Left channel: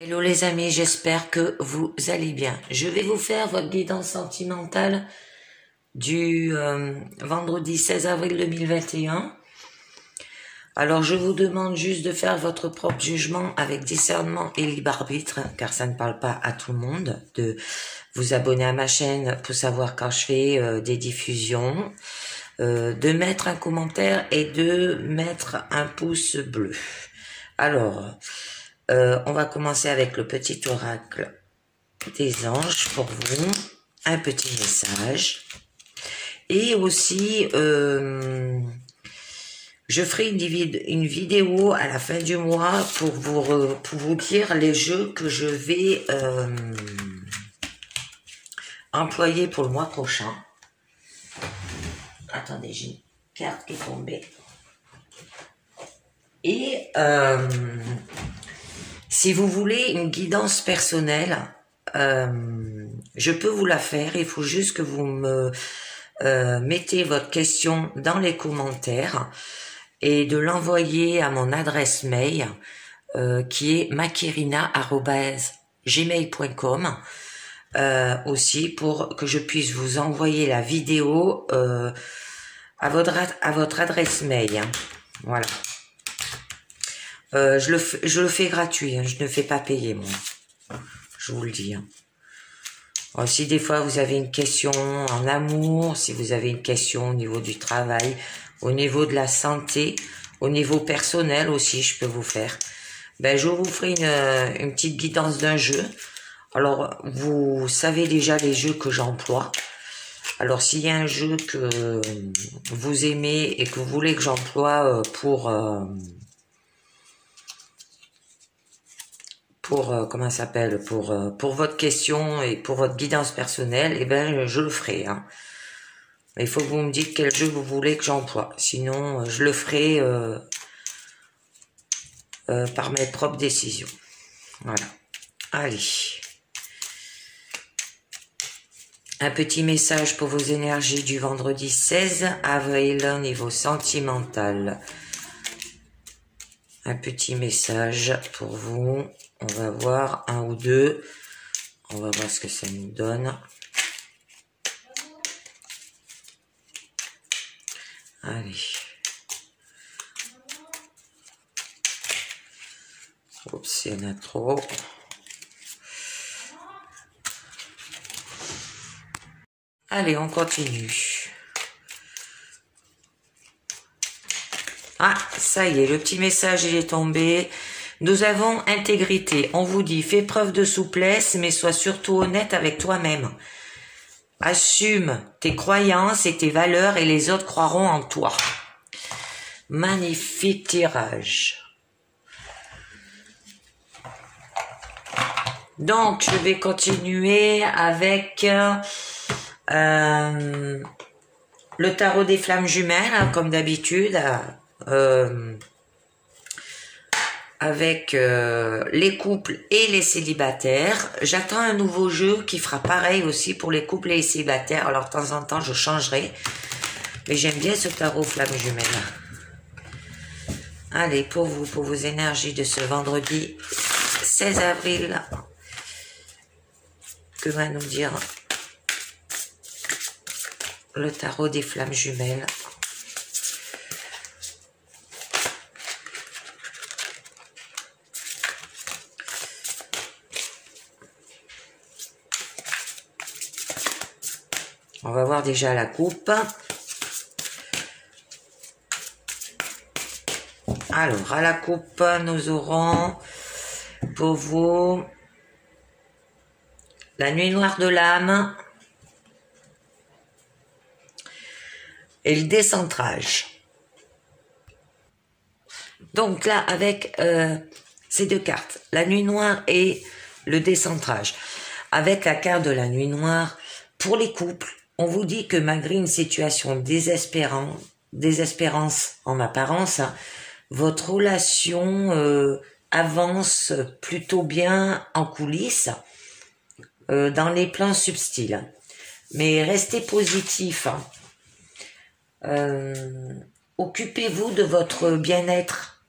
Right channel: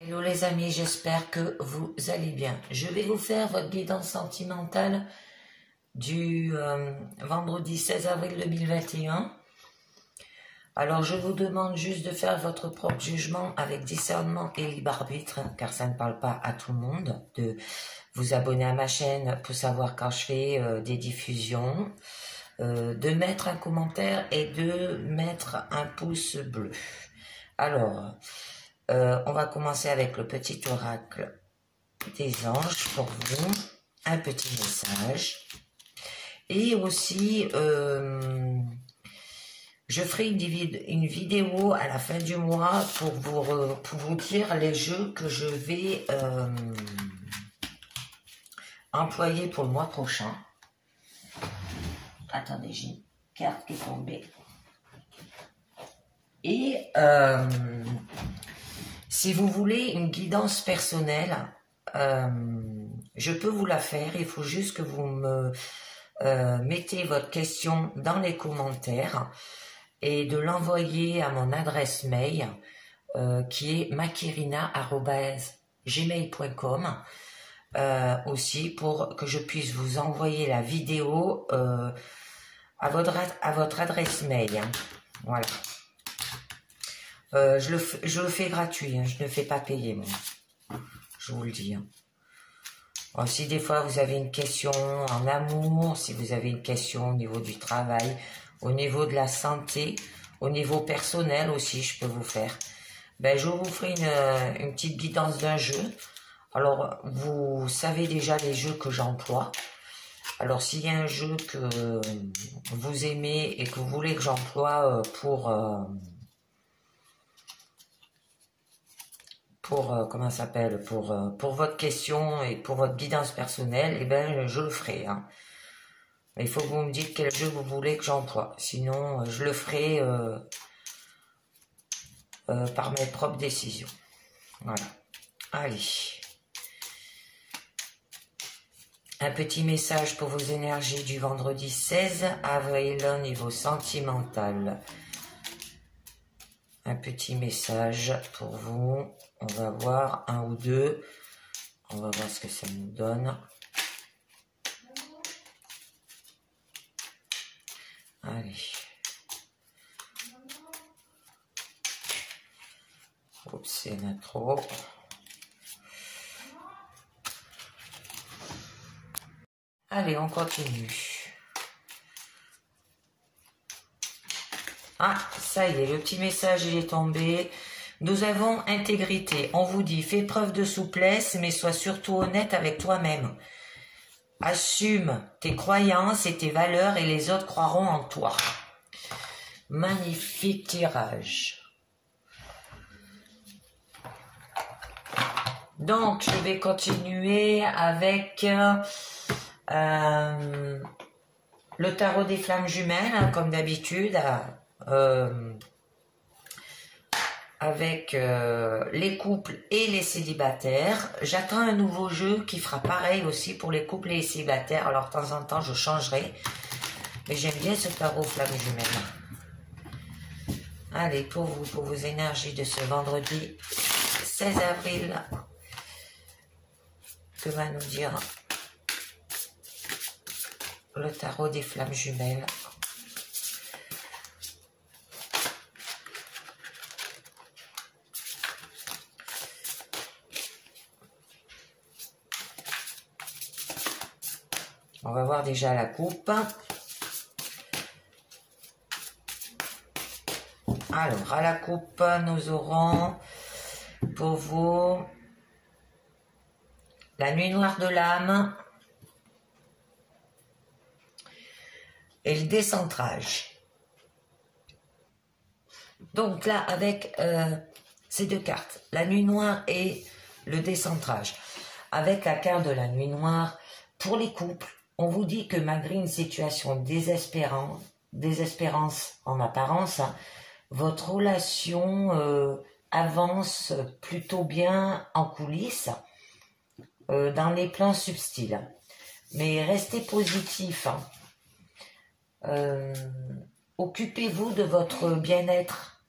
Hello les amis, j'espère que vous allez bien. Je vais vous faire votre guidance sentimentale du vendredi 16 avril 2021. Alors je vous demande juste de faire votre propre jugement avec discernement et libre arbitre, car ça ne parle pas à tout le monde, de vous abonner à ma chaîne pour savoir quand je fais des diffusions, de mettre un commentaire et de mettre un pouce bleu. Alors, on va commencer avec le petit oracle des anges pour vous, un petit message. Et aussi, je ferai une vidéo à la fin du mois pour vous dire les jeux que je vais employer pour le mois prochain. Attendez, j'ai une carte qui est tombée. Et si vous voulez une guidance personnelle, je peux vous la faire. Il faut juste que vous me mettez votre question dans les commentaires et de l'envoyer à mon adresse mail qui est makirina@gmail.com aussi pour que je puisse vous envoyer la vidéo à votre adresse mail. Voilà. Je le fais gratuit, hein, je ne fais pas payer, moi. Je vous le dis. Hein. Alors, si des fois vous avez une question en amour, si vous avez une question au niveau du travail, au niveau de la santé, au niveau personnel aussi, je peux vous faire. Ben, je vous ferai une petite guidance d'un jeu. Alors, vous savez déjà les jeux que j'emploie. Alors, s'il y a un jeu que vous aimez et que vous voulez que j'emploie comment ça s'appelle, pour votre question et pour votre guidance personnelle, eh ben je le ferai. Hein. Mais il faut que vous me dites quel jeu vous voulez que j'emploie. Sinon, je le ferai par mes propres décisions. Voilà. Allez. Un petit message pour vos énergies du vendredi 16 avril au niveau sentimental. Un petit message pour vous. On va voir un ou deux. On va voir ce que ça nous donne. Allez. Oups, il y en a trop. Allez, on continue. Ah, ça y est, le petit message, il est tombé. Nous avons intégrité. On vous dit, fais preuve de souplesse, mais sois surtout honnête avec toi-même. Assume tes croyances et tes valeurs et les autres croiront en toi. Magnifique tirage. Donc, je vais continuer avec le tarot des flammes jumelles, hein, comme d'habitude. Avec les couples et les célibataires. J'attends un nouveau jeu qui fera pareil aussi pour les couples et les célibataires. Alors de temps en temps je changerai. Mais j'aime bien ce tarot flamme jumelle. Allez, pour vous, pour vos énergies de ce vendredi 16 avril. Que va nous dire le tarot des flammes jumelles? On va voir déjà la coupe. Alors, à la coupe, nous aurons pour vous la nuit noire de l'âme et le décentrage. Donc là, avec ces deux cartes, la nuit noire et le décentrage. Avec la carte de la nuit noire, pour les couples, on vous dit que malgré une situation désespérance en apparence, votre relation avance plutôt bien en coulisses, dans les plans subtils. Mais restez positif. Occupez-vous de votre bien-être.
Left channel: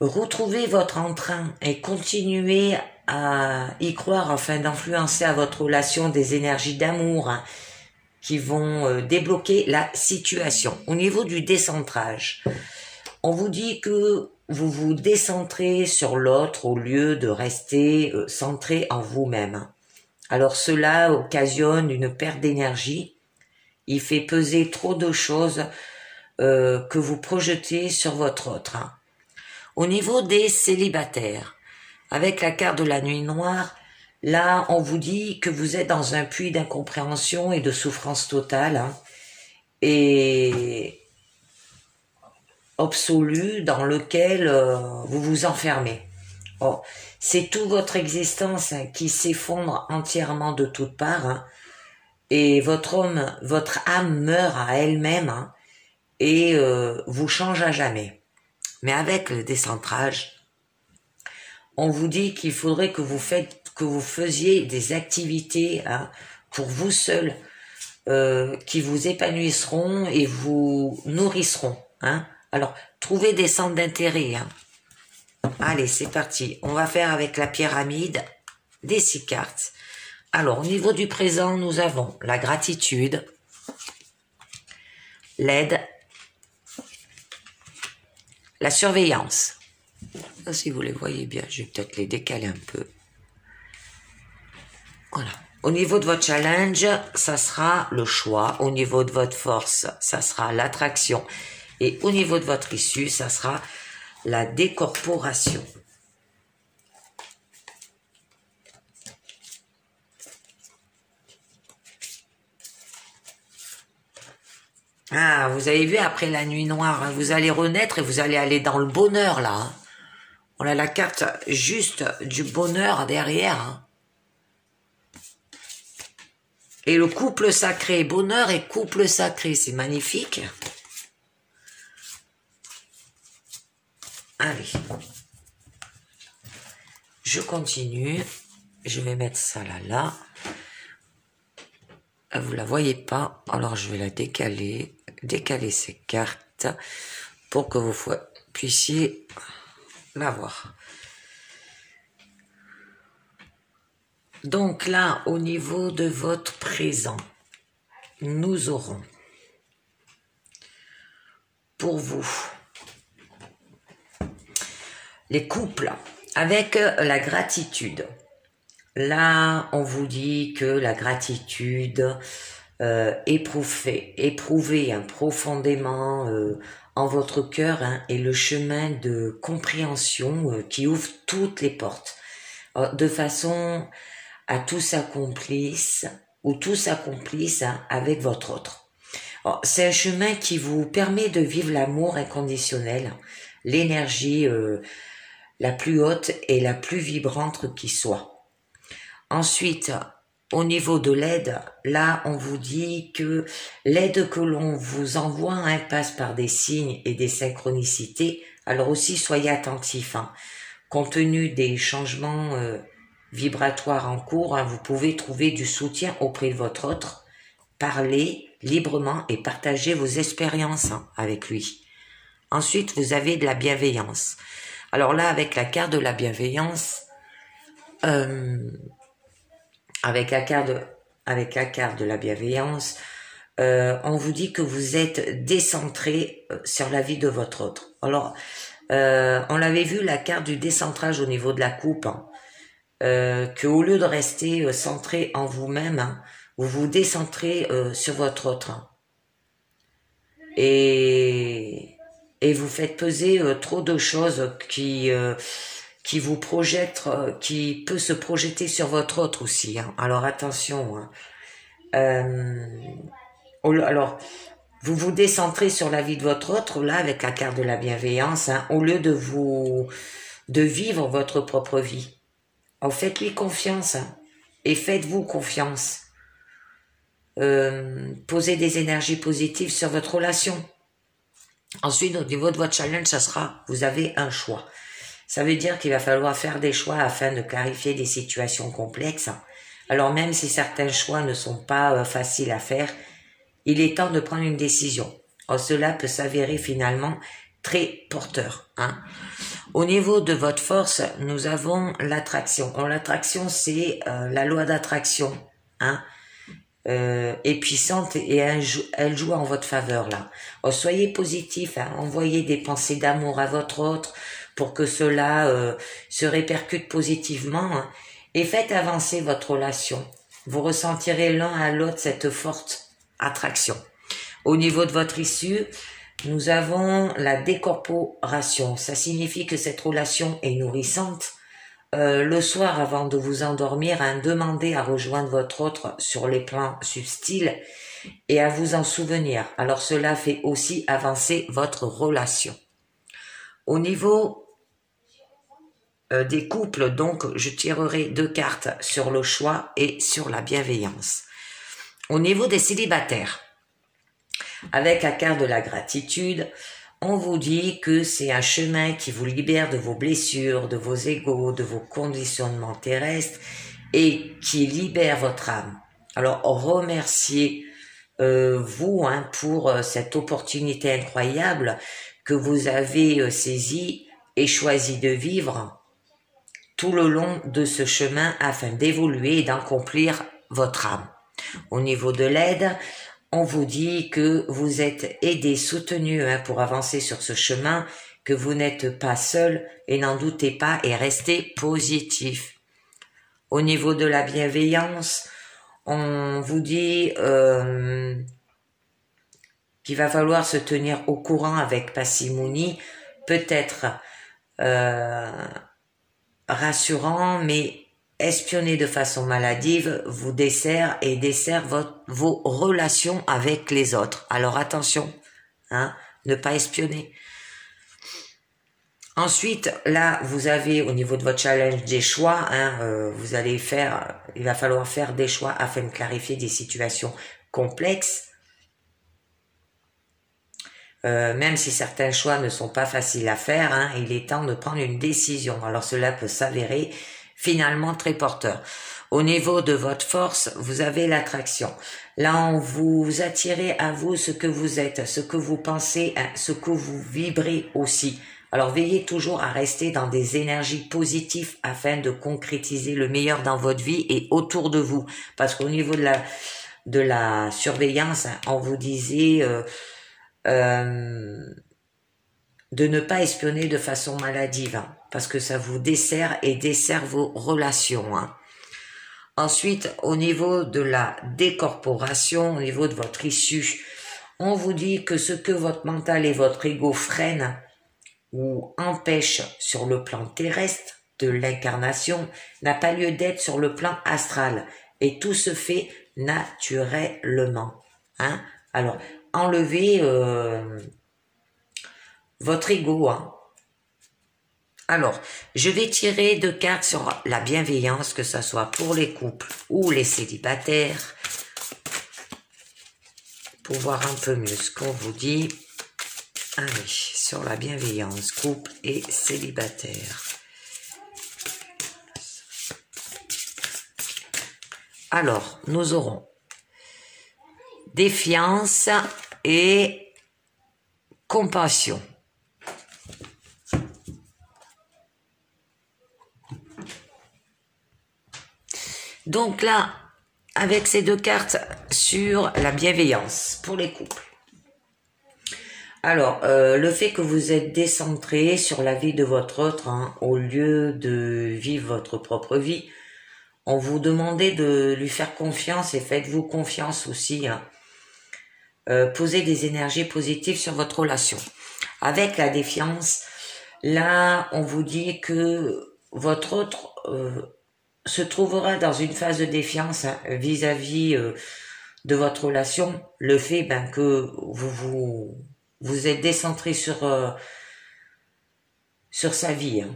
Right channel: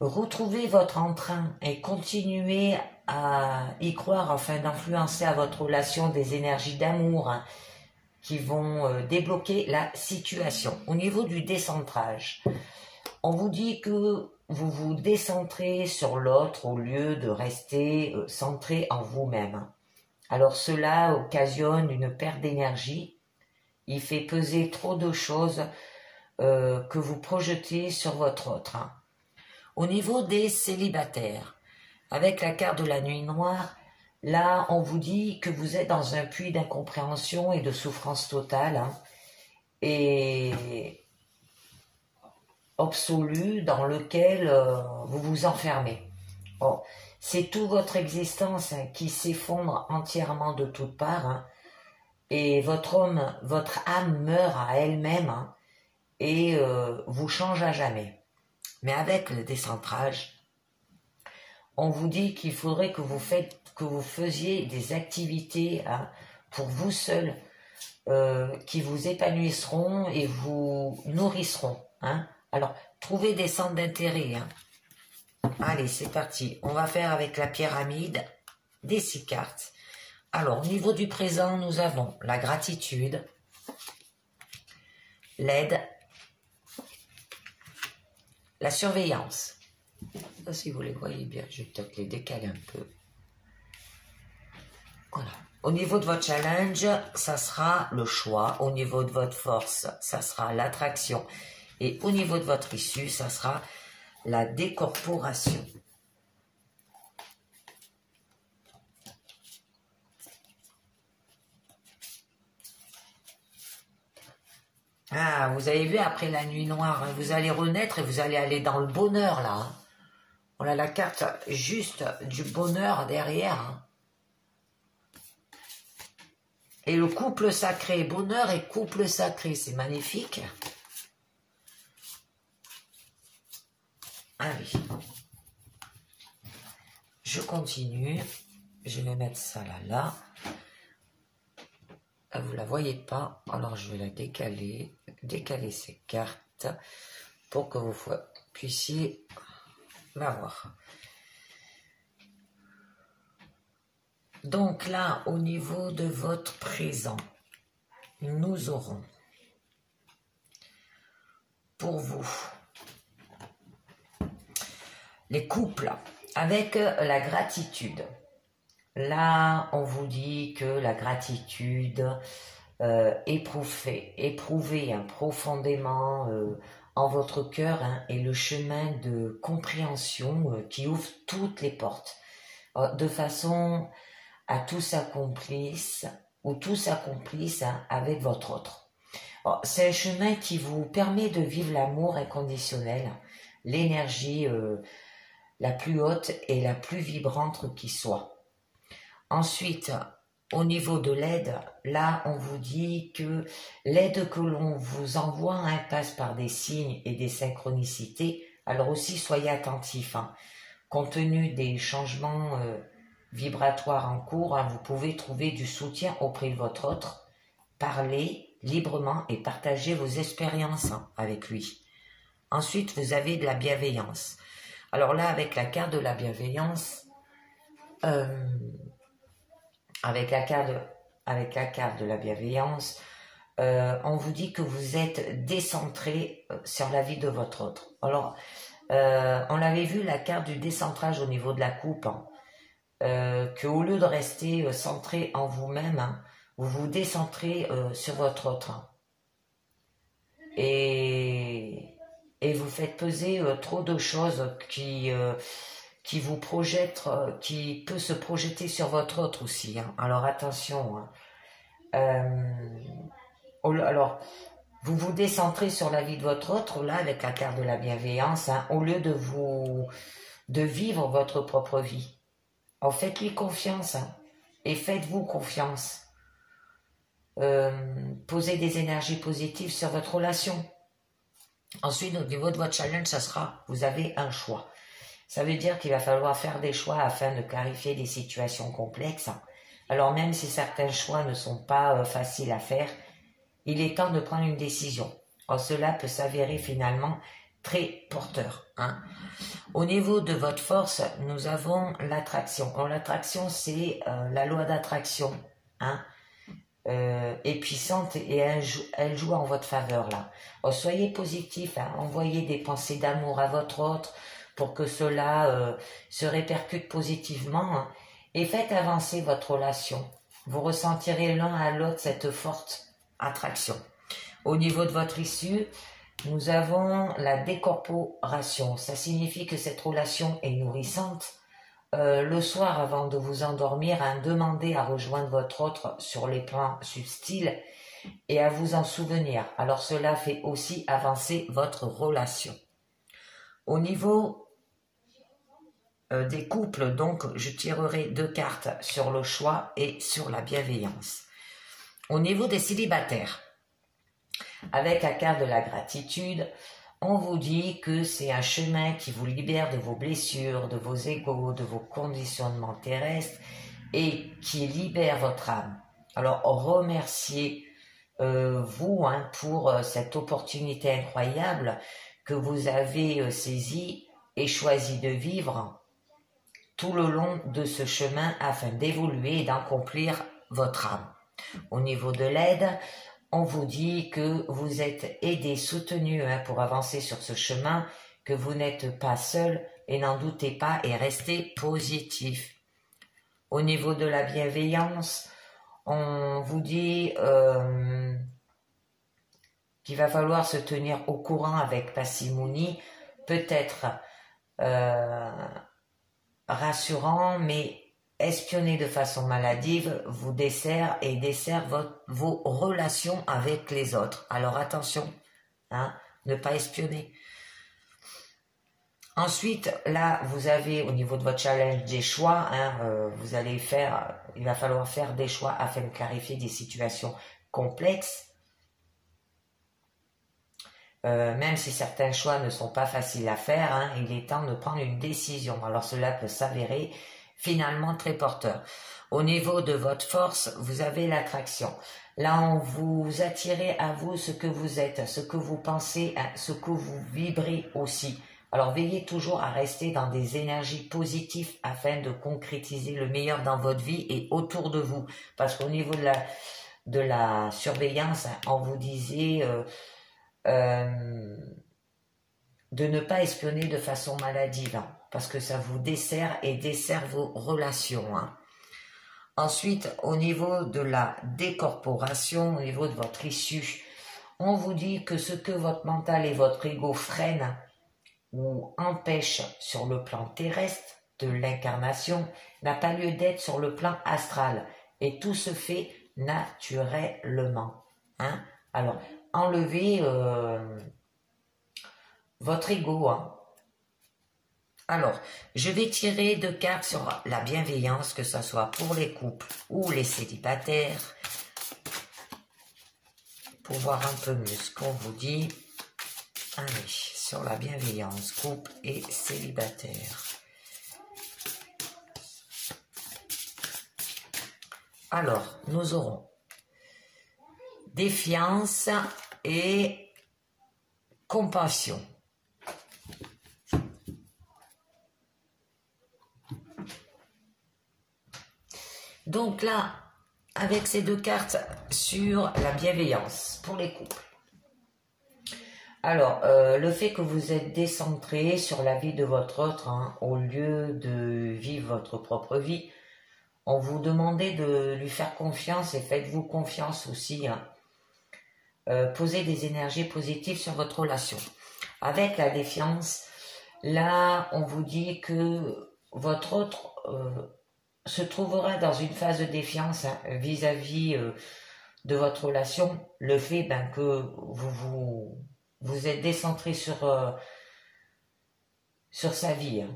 Retrouvez votre entrain et continuez à y croire afin d'influencer à votre relation des énergies d'amour qui vont débloquer la situation. Au niveau du décentrage, on vous dit que vous vous décentrez sur l'autre au lieu de rester centré en vous-même. Alors cela occasionne une perte d'énergie. Il fait peser trop de choses que vous projetez sur votre autre. Au niveau des célibataires, avec la carte de la nuit noire, là, on vous dit que vous êtes dans un puits d'incompréhension et de souffrance totale et absolue dans lequel vous vous enfermez. Oh, c'est toute votre existence qui s'effondre entièrement de toutes parts et votre âme meurt à elle-même et vous change à jamais. Mais avec le décentrage, on vous dit qu'il faudrait que vous faisiez des activités pour vous seul qui vous épanouiront et vous nourriront. Alors, trouvez des centres d'intérêt. Allez, c'est parti. On va faire avec la pyramide des 6 cartes. Alors, au niveau du présent, nous avons la gratitude, l'aide, la surveillance. Si vous les voyez bien, je vais peut-être les décaler un peu. Voilà. Au niveau de votre challenge, ça sera le choix. Au niveau de votre force, ça sera l'attraction. Et au niveau de votre issue, ça sera la décorporation. Ah, vous avez vu, après la nuit noire, vous allez renaître et vous allez aller dans le bonheur, là. On a la carte juste du bonheur derrière. Et le couple sacré, bonheur et couple sacré, c'est magnifique. Allez. Je continue. Je vais mettre ça là. Vous la voyez pas, alors je vais la décaler ces cartes pour que vous puissiez la voir. Donc là, au niveau de votre présent, nous aurons pour vous les couples avec la gratitude. Là, on vous dit que la gratitude éprouvée profondément en votre cœur est le chemin de compréhension qui ouvre toutes les portes, de façon à tout s'accomplisse avec votre autre. C'est un chemin qui vous permet de vivre l'amour inconditionnel, l'énergie la plus haute et la plus vibrante qui soit. Ensuite, au niveau de l'aide, là, on vous dit que l'aide que l'on vous envoie passe par des signes et des synchronicités. Alors aussi, soyez attentifs. Compte tenu des changements vibratoires en cours, vous pouvez trouver du soutien auprès de votre autre. Parlez librement et partagez vos expériences avec lui. Ensuite, vous avez de la bienveillance. Alors là, avec la carte de la bienveillance, avec la carte de la bienveillance, on vous dit que vous êtes décentré sur la vie de votre autre. Alors, on l'avait vu, la carte du décentrage au niveau de la coupe, que au lieu de rester centré en vous-même, vous vous décentrez sur votre autre. Et vous faites peser trop de choses qui vous projette, qui peut se projeter sur votre autre aussi. Alors attention. Alors, vous vous décentrez sur la vie de votre autre, là, avec la carte de la bienveillance, au lieu de vivre votre propre vie. Alors, faites-lui confiance et faites-vous confiance. Posez des énergies positives sur votre relation. Ensuite, au niveau de votre challenge, ça sera, vous avez un choix. Ça veut dire qu'il va falloir faire des choix afin de clarifier des situations complexes. Alors même si certains choix ne sont pas faciles à faire, il est temps de prendre une décision. Or, cela peut s'avérer finalement très porteur. Hein. Au niveau de votre force, nous avons l'attraction. L'attraction, c'est la loi d'attraction. Hein. Est puissante et elle joue en votre faveur là. Alors, soyez positif, hein, envoyez des pensées d'amour à votre autre pour que cela se répercute positivement hein, et faites avancer votre relation. Vous ressentirez l'un à l'autre cette forte attraction. Au niveau de votre issue, nous avons la décorporation. Ça signifie que cette relation est nourrissante. Le soir, avant de vous endormir, hein, demandez à rejoindre votre autre sur les plans subtils et à vous en souvenir. Alors cela fait aussi avancer votre relation. Au niveau des couples, donc, je tirerai 2 cartes sur le choix et sur la bienveillance. Au niveau des célibataires, avec la carte de la gratitude, on vous dit que c'est un chemin qui vous libère de vos blessures, de vos égos, de vos conditionnements terrestres et qui libère votre âme. Alors remerciez vous hein, pour cette opportunité incroyable que vous avez saisie et choisi de vivre tout le long de ce chemin afin d'évoluer et d'accomplir votre âme. Au niveau de l'aide, on vous dit que vous êtes aidé, soutenu hein, pour avancer sur ce chemin, que vous n'êtes pas seul et n'en doutez pas et restez positif. Au niveau de la bienveillance, on vous dit qu'il va falloir se tenir au courant avec parcimonie, peut-être rassurant, mais espionner de façon maladive vous dessert et dessert vos relations avec les autres. Alors attention, hein, ne pas espionner. Ensuite, là, vous avez au niveau de votre challenge des choix, hein, il va falloir faire des choix afin de clarifier des situations complexes. Même si certains choix ne sont pas faciles à faire, hein, il est temps de prendre une décision. Alors cela peut s'avérer finalement très porteur. Au niveau de votre force, vous avez l'attraction. Là, on vous attirez à vous ce que vous êtes, ce que vous pensez, ce que vous vibrez aussi. Alors, veillez toujours à rester dans des énergies positives afin de concrétiser le meilleur dans votre vie et autour de vous. Parce qu'au niveau de la surveillance, on vous disait de ne pas espionner de façon maladive, hein, parce que ça vous dessert et dessert vos relations. Hein. Ensuite, au niveau de la décorporation, au niveau de votre issue, on vous dit que ce que votre mental et votre ego freinent ou empêchent sur le plan terrestre de l'incarnation n'a pas lieu d'être sur le plan astral. Et tout se fait naturellement. Hein. Alors, enlevez votre ego. Hein. Alors, je vais tirer 2 cartes sur la bienveillance, que ce soit pour les couples ou les célibataires, pour voir un peu mieux ce qu'on vous dit. Allez, sur la bienveillance, couple et célibataire. Alors, nous aurons défiance et compassion. Donc là, avec ces 2 cartes sur la bienveillance pour les couples. Alors, le fait que vous êtes décentré sur la vie de votre autre, hein, au lieu de vivre votre propre vie, on vous demandait de lui faire confiance et faites-vous confiance aussi. Hein. Posez des énergies positives sur votre relation. Avec la défiance, là, on vous dit que votre autre se trouvera dans une phase de défiance hein, vis-à-vis de votre relation. Le fait que vous êtes décentré sur sa vie. Hein.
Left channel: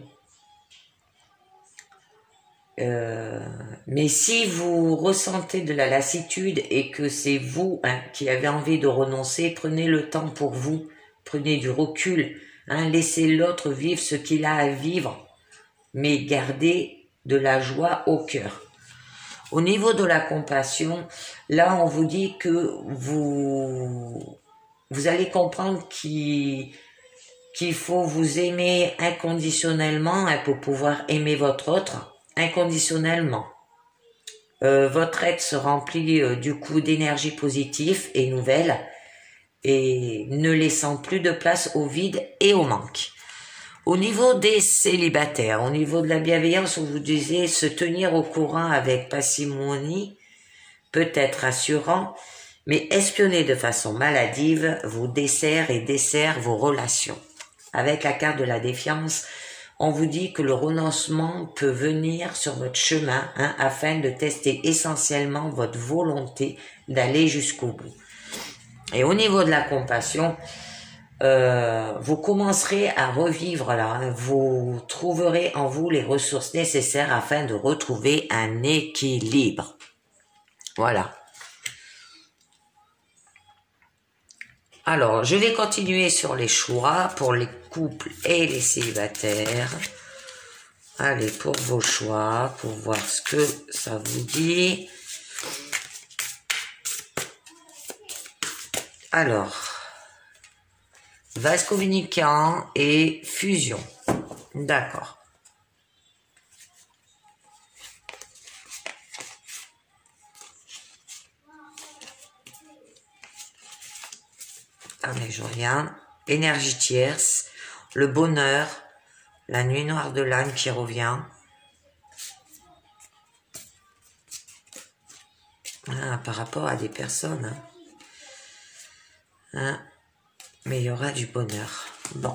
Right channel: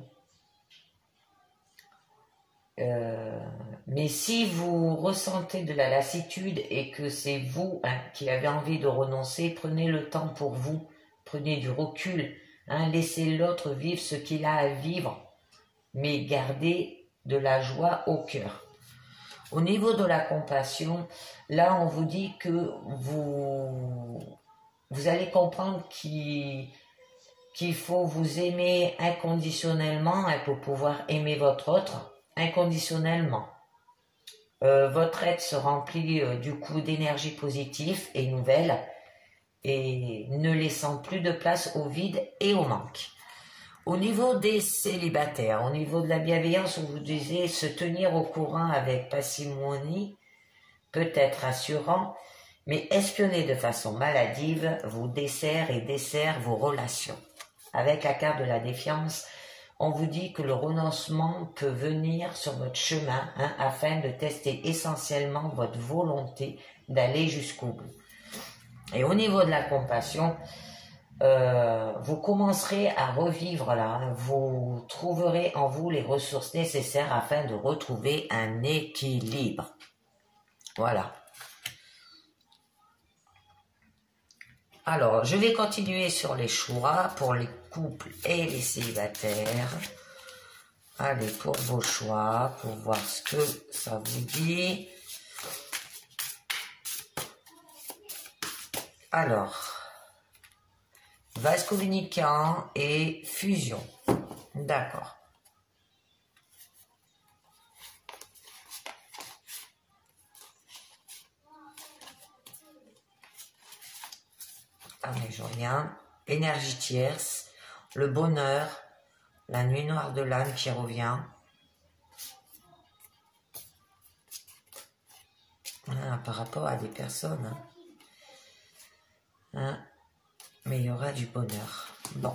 Mais si vous ressentez de la lassitude et que c'est vous hein, qui avez envie de renoncer, prenez le temps pour vous, prenez du recul, hein, laissez l'autre vivre ce qu'il a à vivre, mais gardez de la joie au cœur. Au niveau de la compassion, là on vous dit que vous allez comprendre qu'il qu'il faut vous aimer inconditionnellement hein, pour pouvoir aimer votre autre inconditionnellement. Votre être se remplit du coup d'énergie positive et nouvelle et ne laissant plus de place au vide et au manque. Au niveau des célibataires, au niveau de la bienveillance, on vous disait se tenir au courant avec parcimonie peut être rassurant, mais espionner de façon maladive vous dessert et dessert vos relations. Avec la carte de la défiance, on vous dit que le renoncement peut venir sur votre chemin hein, afin de tester essentiellement votre volonté d'aller jusqu'au bout. Et au niveau de la compassion, vous commencerez à revivre là, hein, vous trouverez en vous les ressources nécessaires afin de retrouver un équilibre. Voilà. Alors, je vais continuer sur les choix pour les couples et les célibataires. Allez, pour vos choix, pour voir ce que ça vous dit. Alors, vase communicant et fusion. D'accord. Ah mais je reviens. Énergie tierce, le bonheur, la nuit noire de l'âme qui revient. Ah, par rapport à des personnes. Hein, mais il y aura du bonheur. Bon.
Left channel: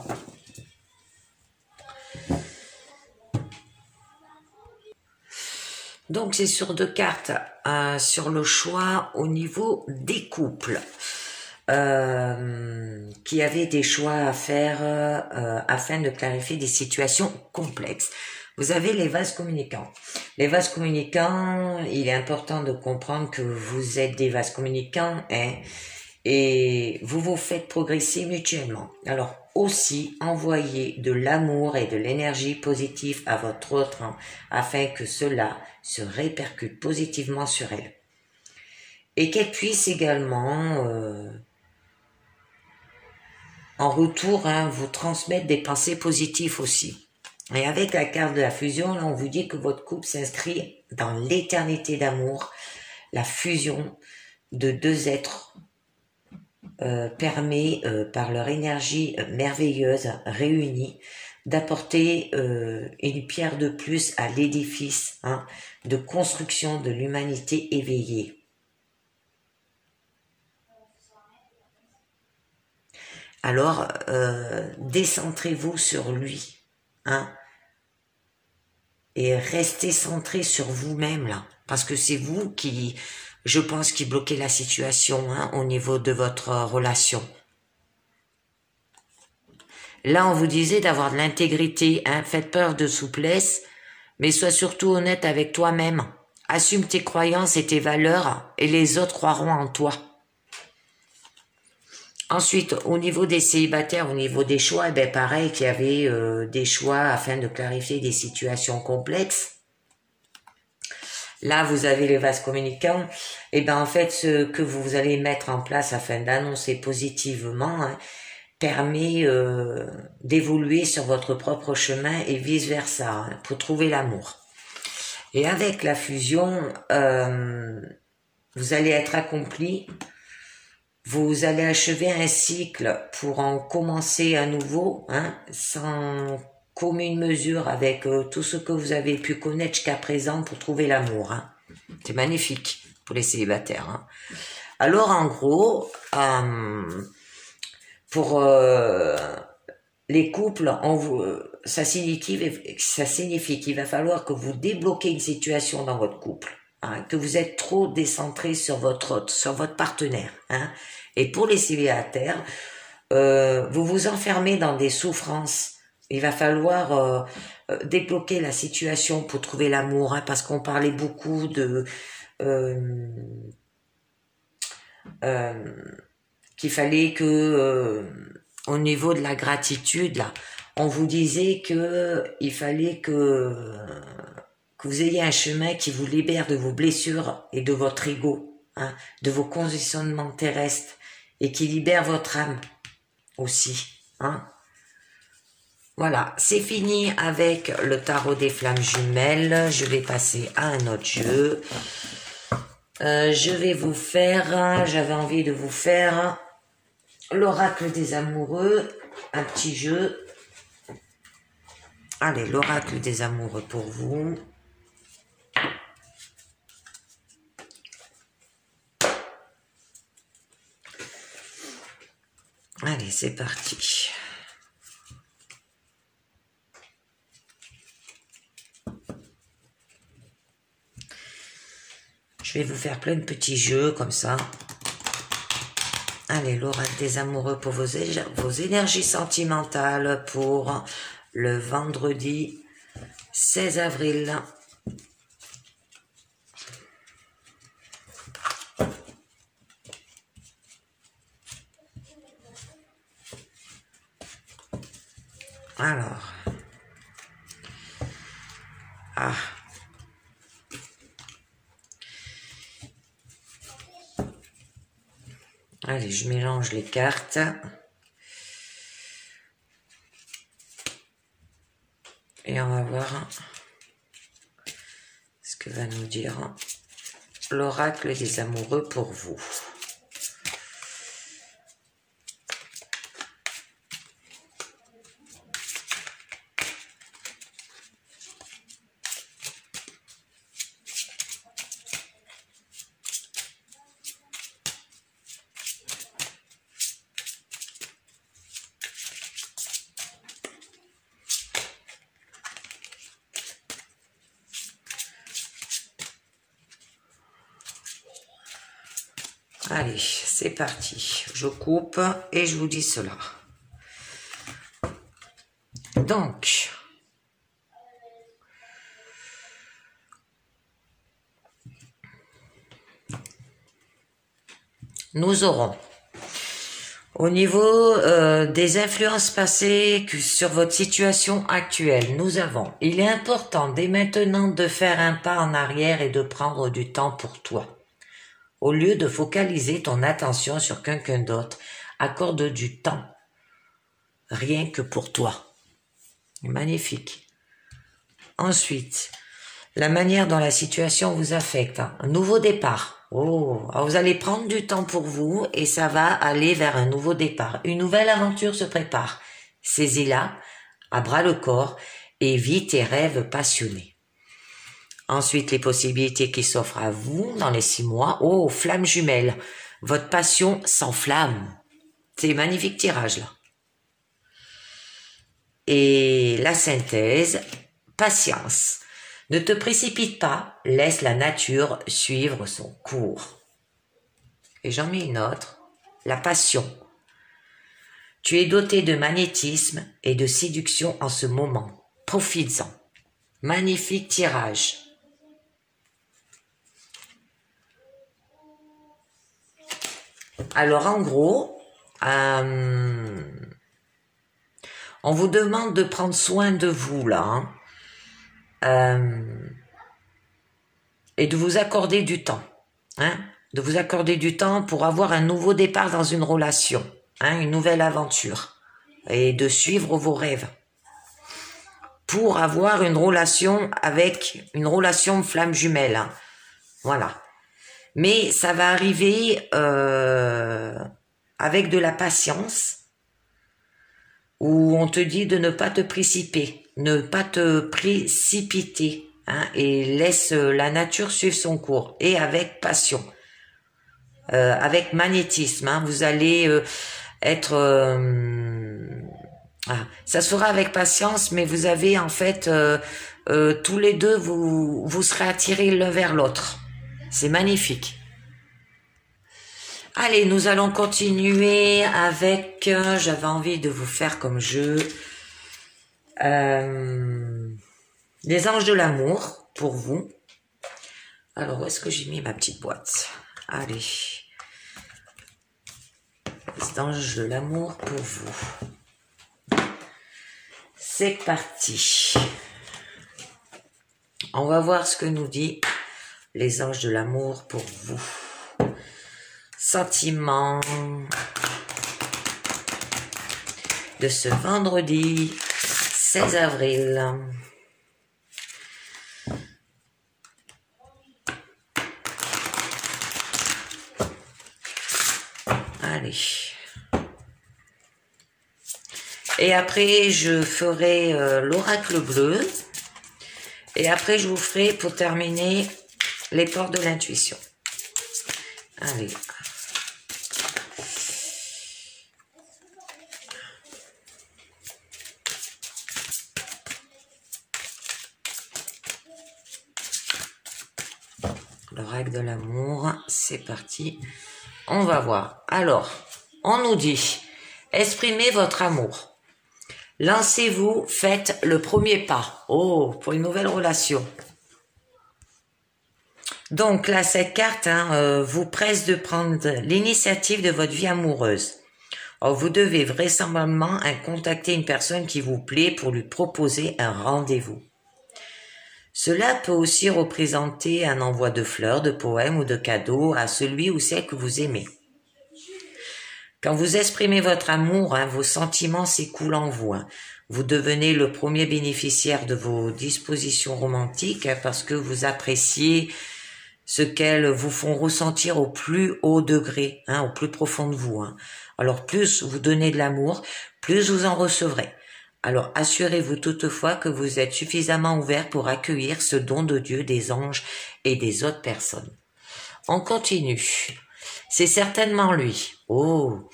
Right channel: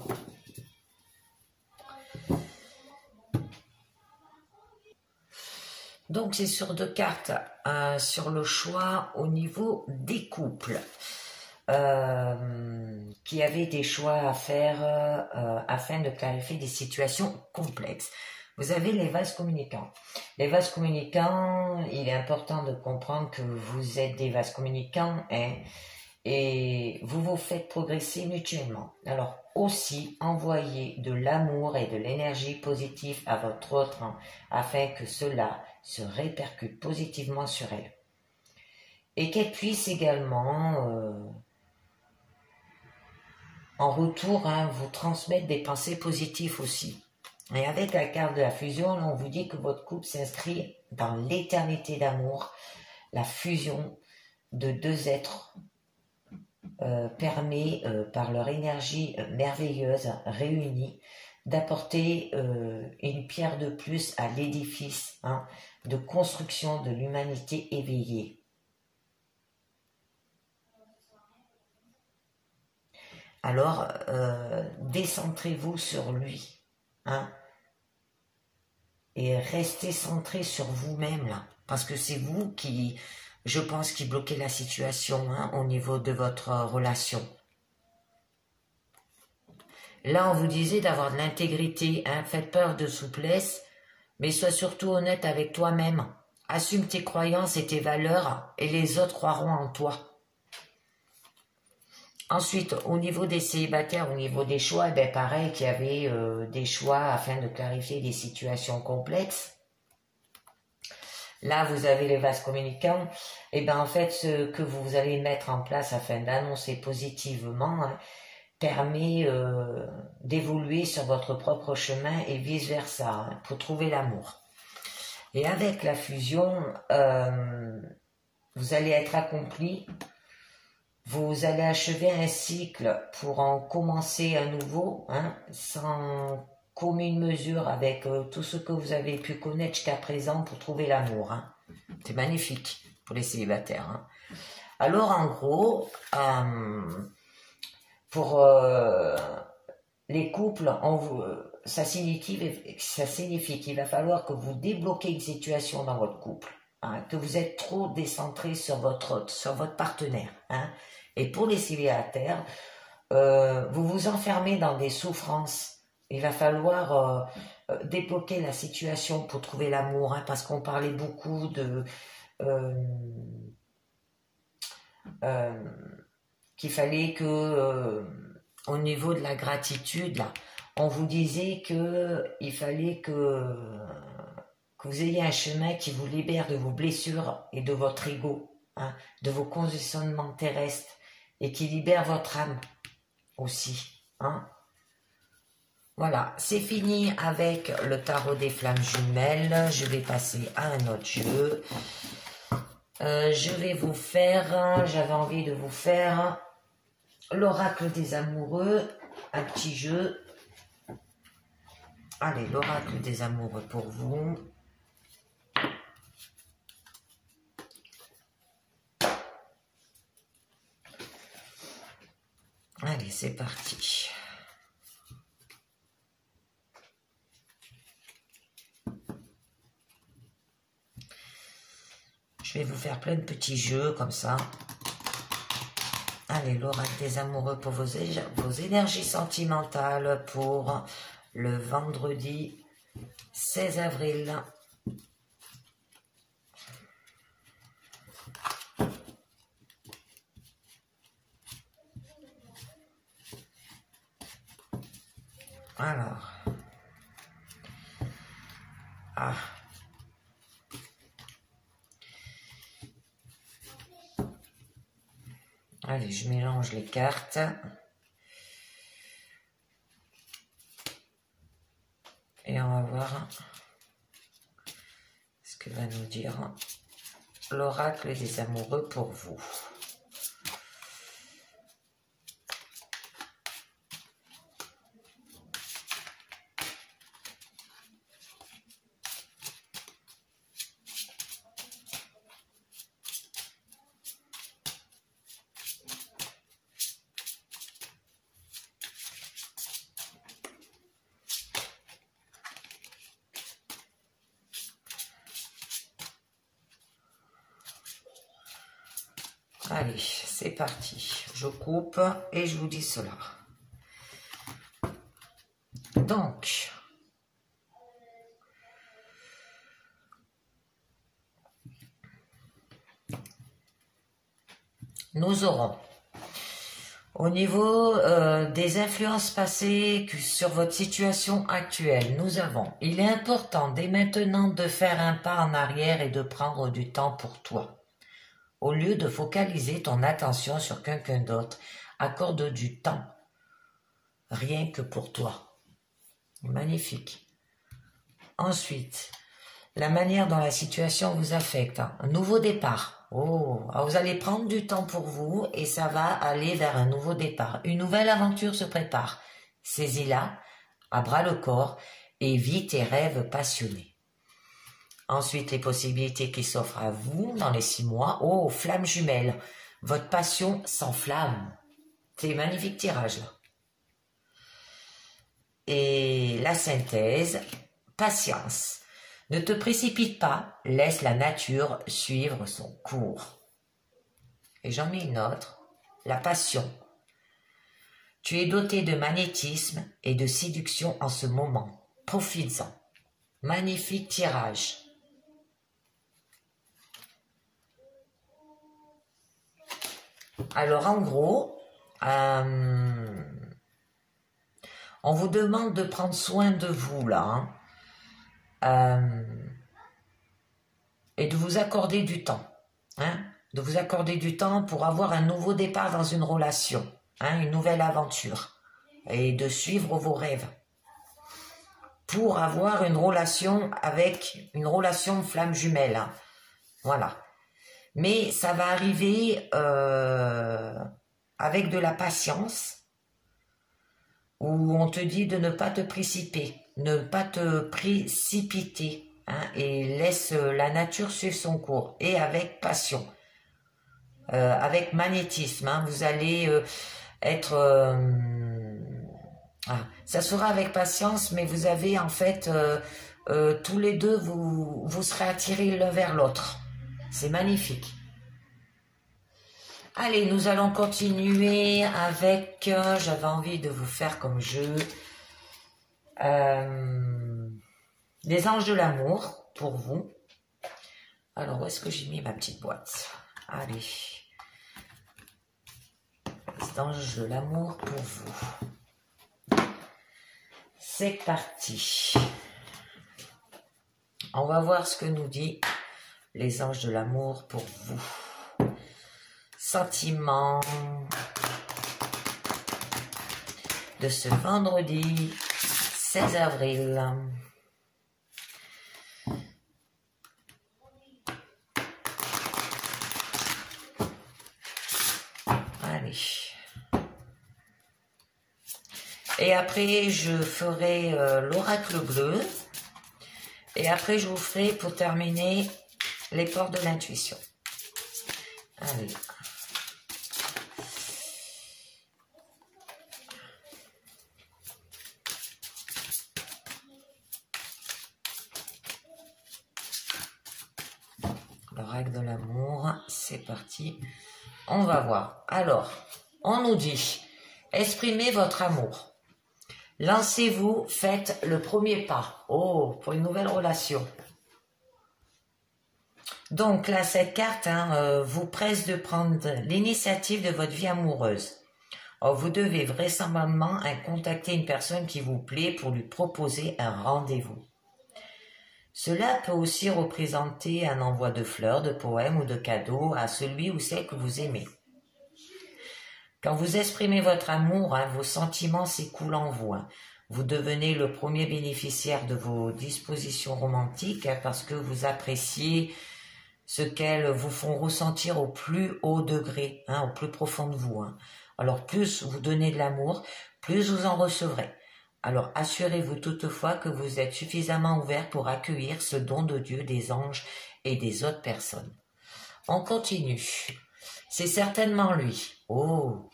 Donc c'est sur deux cartes, sur le choix au niveau des couples. Qui avaient des choix à faire afin de clarifier des situations complexes. Vous avez les vases communicants. Les vases communicants, il est important de comprendre que vous êtes des vases communicants hein, et vous vous faites progresser mutuellement. Alors aussi, envoyez de l'amour et de l'énergie positive à votre autre hein, afin que cela se répercute positivement sur elle. Et qu'elle puisse également... en retour, hein, vous transmettre des pensées positives aussi. Et avec la carte de la fusion, là, on vous dit que votre couple s'inscrit dans l'éternité d'amour. La fusion de deux êtres permet, par leur énergie merveilleuse réunie, d'apporter une pierre de plus à l'édifice hein, de construction de l'humanité éveillée. Alors, décentrez-vous sur lui, hein, et restez centré sur vous-même, là, parce que c'est vous qui, je pense, qui bloquez la situation, hein, au niveau de votre relation. Là, on vous disait d'avoir de l'intégrité, hein, faites preuve de souplesse, mais sois surtout honnête avec toi-même. Assume tes croyances et tes valeurs, et les autres croiront en toi. Ensuite, au niveau des célibataires, au niveau des choix, ben pareil qu'il y avait des choix afin de clarifier des situations complexes. Là, vous avez les vases communicants. Et ben en fait, ce que vous allez mettre en place afin d'annoncer positivement hein, permet d'évoluer sur votre propre chemin et vice versa hein, pour trouver l'amour. Et avec la fusion, vous allez être accompli. Vous allez achever un cycle pour en commencer un nouveau, hein, sans commune mesure avec tout ce que vous avez pu connaître jusqu'à présent pour trouver l'amour. Hein. C'est magnifique pour les célibataires. Hein. Alors en gros, pour les couples, ça signifie qu'il va falloir que vous débloquez une situation dans votre couple. Hein, que vous êtes trop décentré sur votre autre, sur votre partenaire. Hein. Et pour les célibataires, vous vous enfermez dans des souffrances. Il va falloir débloquer la situation pour trouver l'amour, hein, parce qu'on parlait beaucoup de qu'il fallait que au niveau de la gratitude, là, on vous disait que il fallait que vous ayez un chemin qui vous libère de vos blessures et de votre ego, hein, de vos conditionnements terrestres, et qui libère votre âme aussi. Hein. Voilà, c'est fini avec le tarot des flammes jumelles. Je vais passer à un autre jeu. Je vais vous faire, j'avais envie de vous faire l'oracle des amoureux, un petit jeu. Allez, l'oracle des amoureux pour vous. Allez, c'est parti. Je vais vous faire plein de petits jeux comme ça. Allez, l'oracle des amoureux pour vos énergies sentimentales pour le vendredi 16 avril. Alors. Ah. Allez, je mélange les cartes. Et on va voir ce que va nous dire l'oracle des amoureux pour vous. Allez, c'est parti. Je coupe et je vous dis cela. Donc, nous aurons au niveau des influences passées sur votre situation actuelle, nous avons, il est important dès maintenant de faire un pas en arrière et de prendre du temps pour toi. Au lieu de focaliser ton attention sur quelqu'un d'autre, accorde du temps, rien que pour toi. Magnifique. Ensuite, la manière dont la situation vous affecte. Un nouveau départ. Oh, alors vous allez prendre du temps pour vous et ça va aller vers un nouveau départ. Une nouvelle aventure se prépare. Saisis-la à bras le corps et vis tes rêves passionnés. Ensuite, les possibilités qui s'offrent à vous dans les 6 mois. Oh, flamme jumelle. Votre passion s'enflamme. C'est magnifique tirage là. Et la synthèse, patience. Ne te précipite pas, laisse la nature suivre son cours. Et j'en mets une autre, la passion. Tu es doté de magnétisme et de séduction en ce moment. Profites-en. Magnifique tirage. Alors en gros, on vous demande de prendre soin de vous là, et de vous accorder du temps, de vous accorder du temps pour avoir un nouveau départ dans une relation, une nouvelle aventure, et de suivre vos rêves, pour avoir une relation flamme jumelle, voilà. Mais ça va arriver avec de la patience, où on te dit de ne pas te précipiter, et laisse la nature suivre son cours, et avec passion, avec magnétisme, vous allez être... ça se fera avec patience, mais vous avez en fait, tous les deux, vous serez attirés l'un vers l'autre. C'est magnifique. Allez, nous allons continuer avec, j'avais envie de vous faire comme jeu, les anges de l'amour pour vous. Alors, où est-ce que j'ai mis ma petite boîte? Allez, les anges de l'amour pour vous. C'est parti. On va voir ce que nous dit les anges de l'amour pour vous. Sentiment de ce vendredi 16 avril. Allez. Et après, je ferai l'oracle bleu. Et après, je vous ferai, pour terminer, les portes de l'intuition. Allez. L'oracle de l'amour, c'est parti. On va voir. Alors, on nous dit, exprimez votre amour. Lancez-vous, faites le premier pas. Oh, pour une nouvelle relation. Donc là, cette carte vous presse de prendre l'initiative de votre vie amoureuse. Alors, vous devez vraisemblablement contacter une personne qui vous plaît pour lui proposer un rendez-vous. Cela peut aussi représenter un envoi de fleurs, de poèmes ou de cadeaux à celui ou celle que vous aimez. Quand vous exprimez votre amour, vos sentiments s'écoulent en vous. Vous devenez le premier bénéficiaire de vos dispositions romantiques parce que vous appréciez ce qu'elles vous font ressentir au plus haut degré, au plus profond de vous. Alors plus vous donnez de l'amour, plus vous en recevrez. Alors assurez-vous toutefois que vous êtes suffisamment ouvert pour accueillir ce don de Dieu, des anges et des autres personnes. On continue. C'est certainement lui. Oh,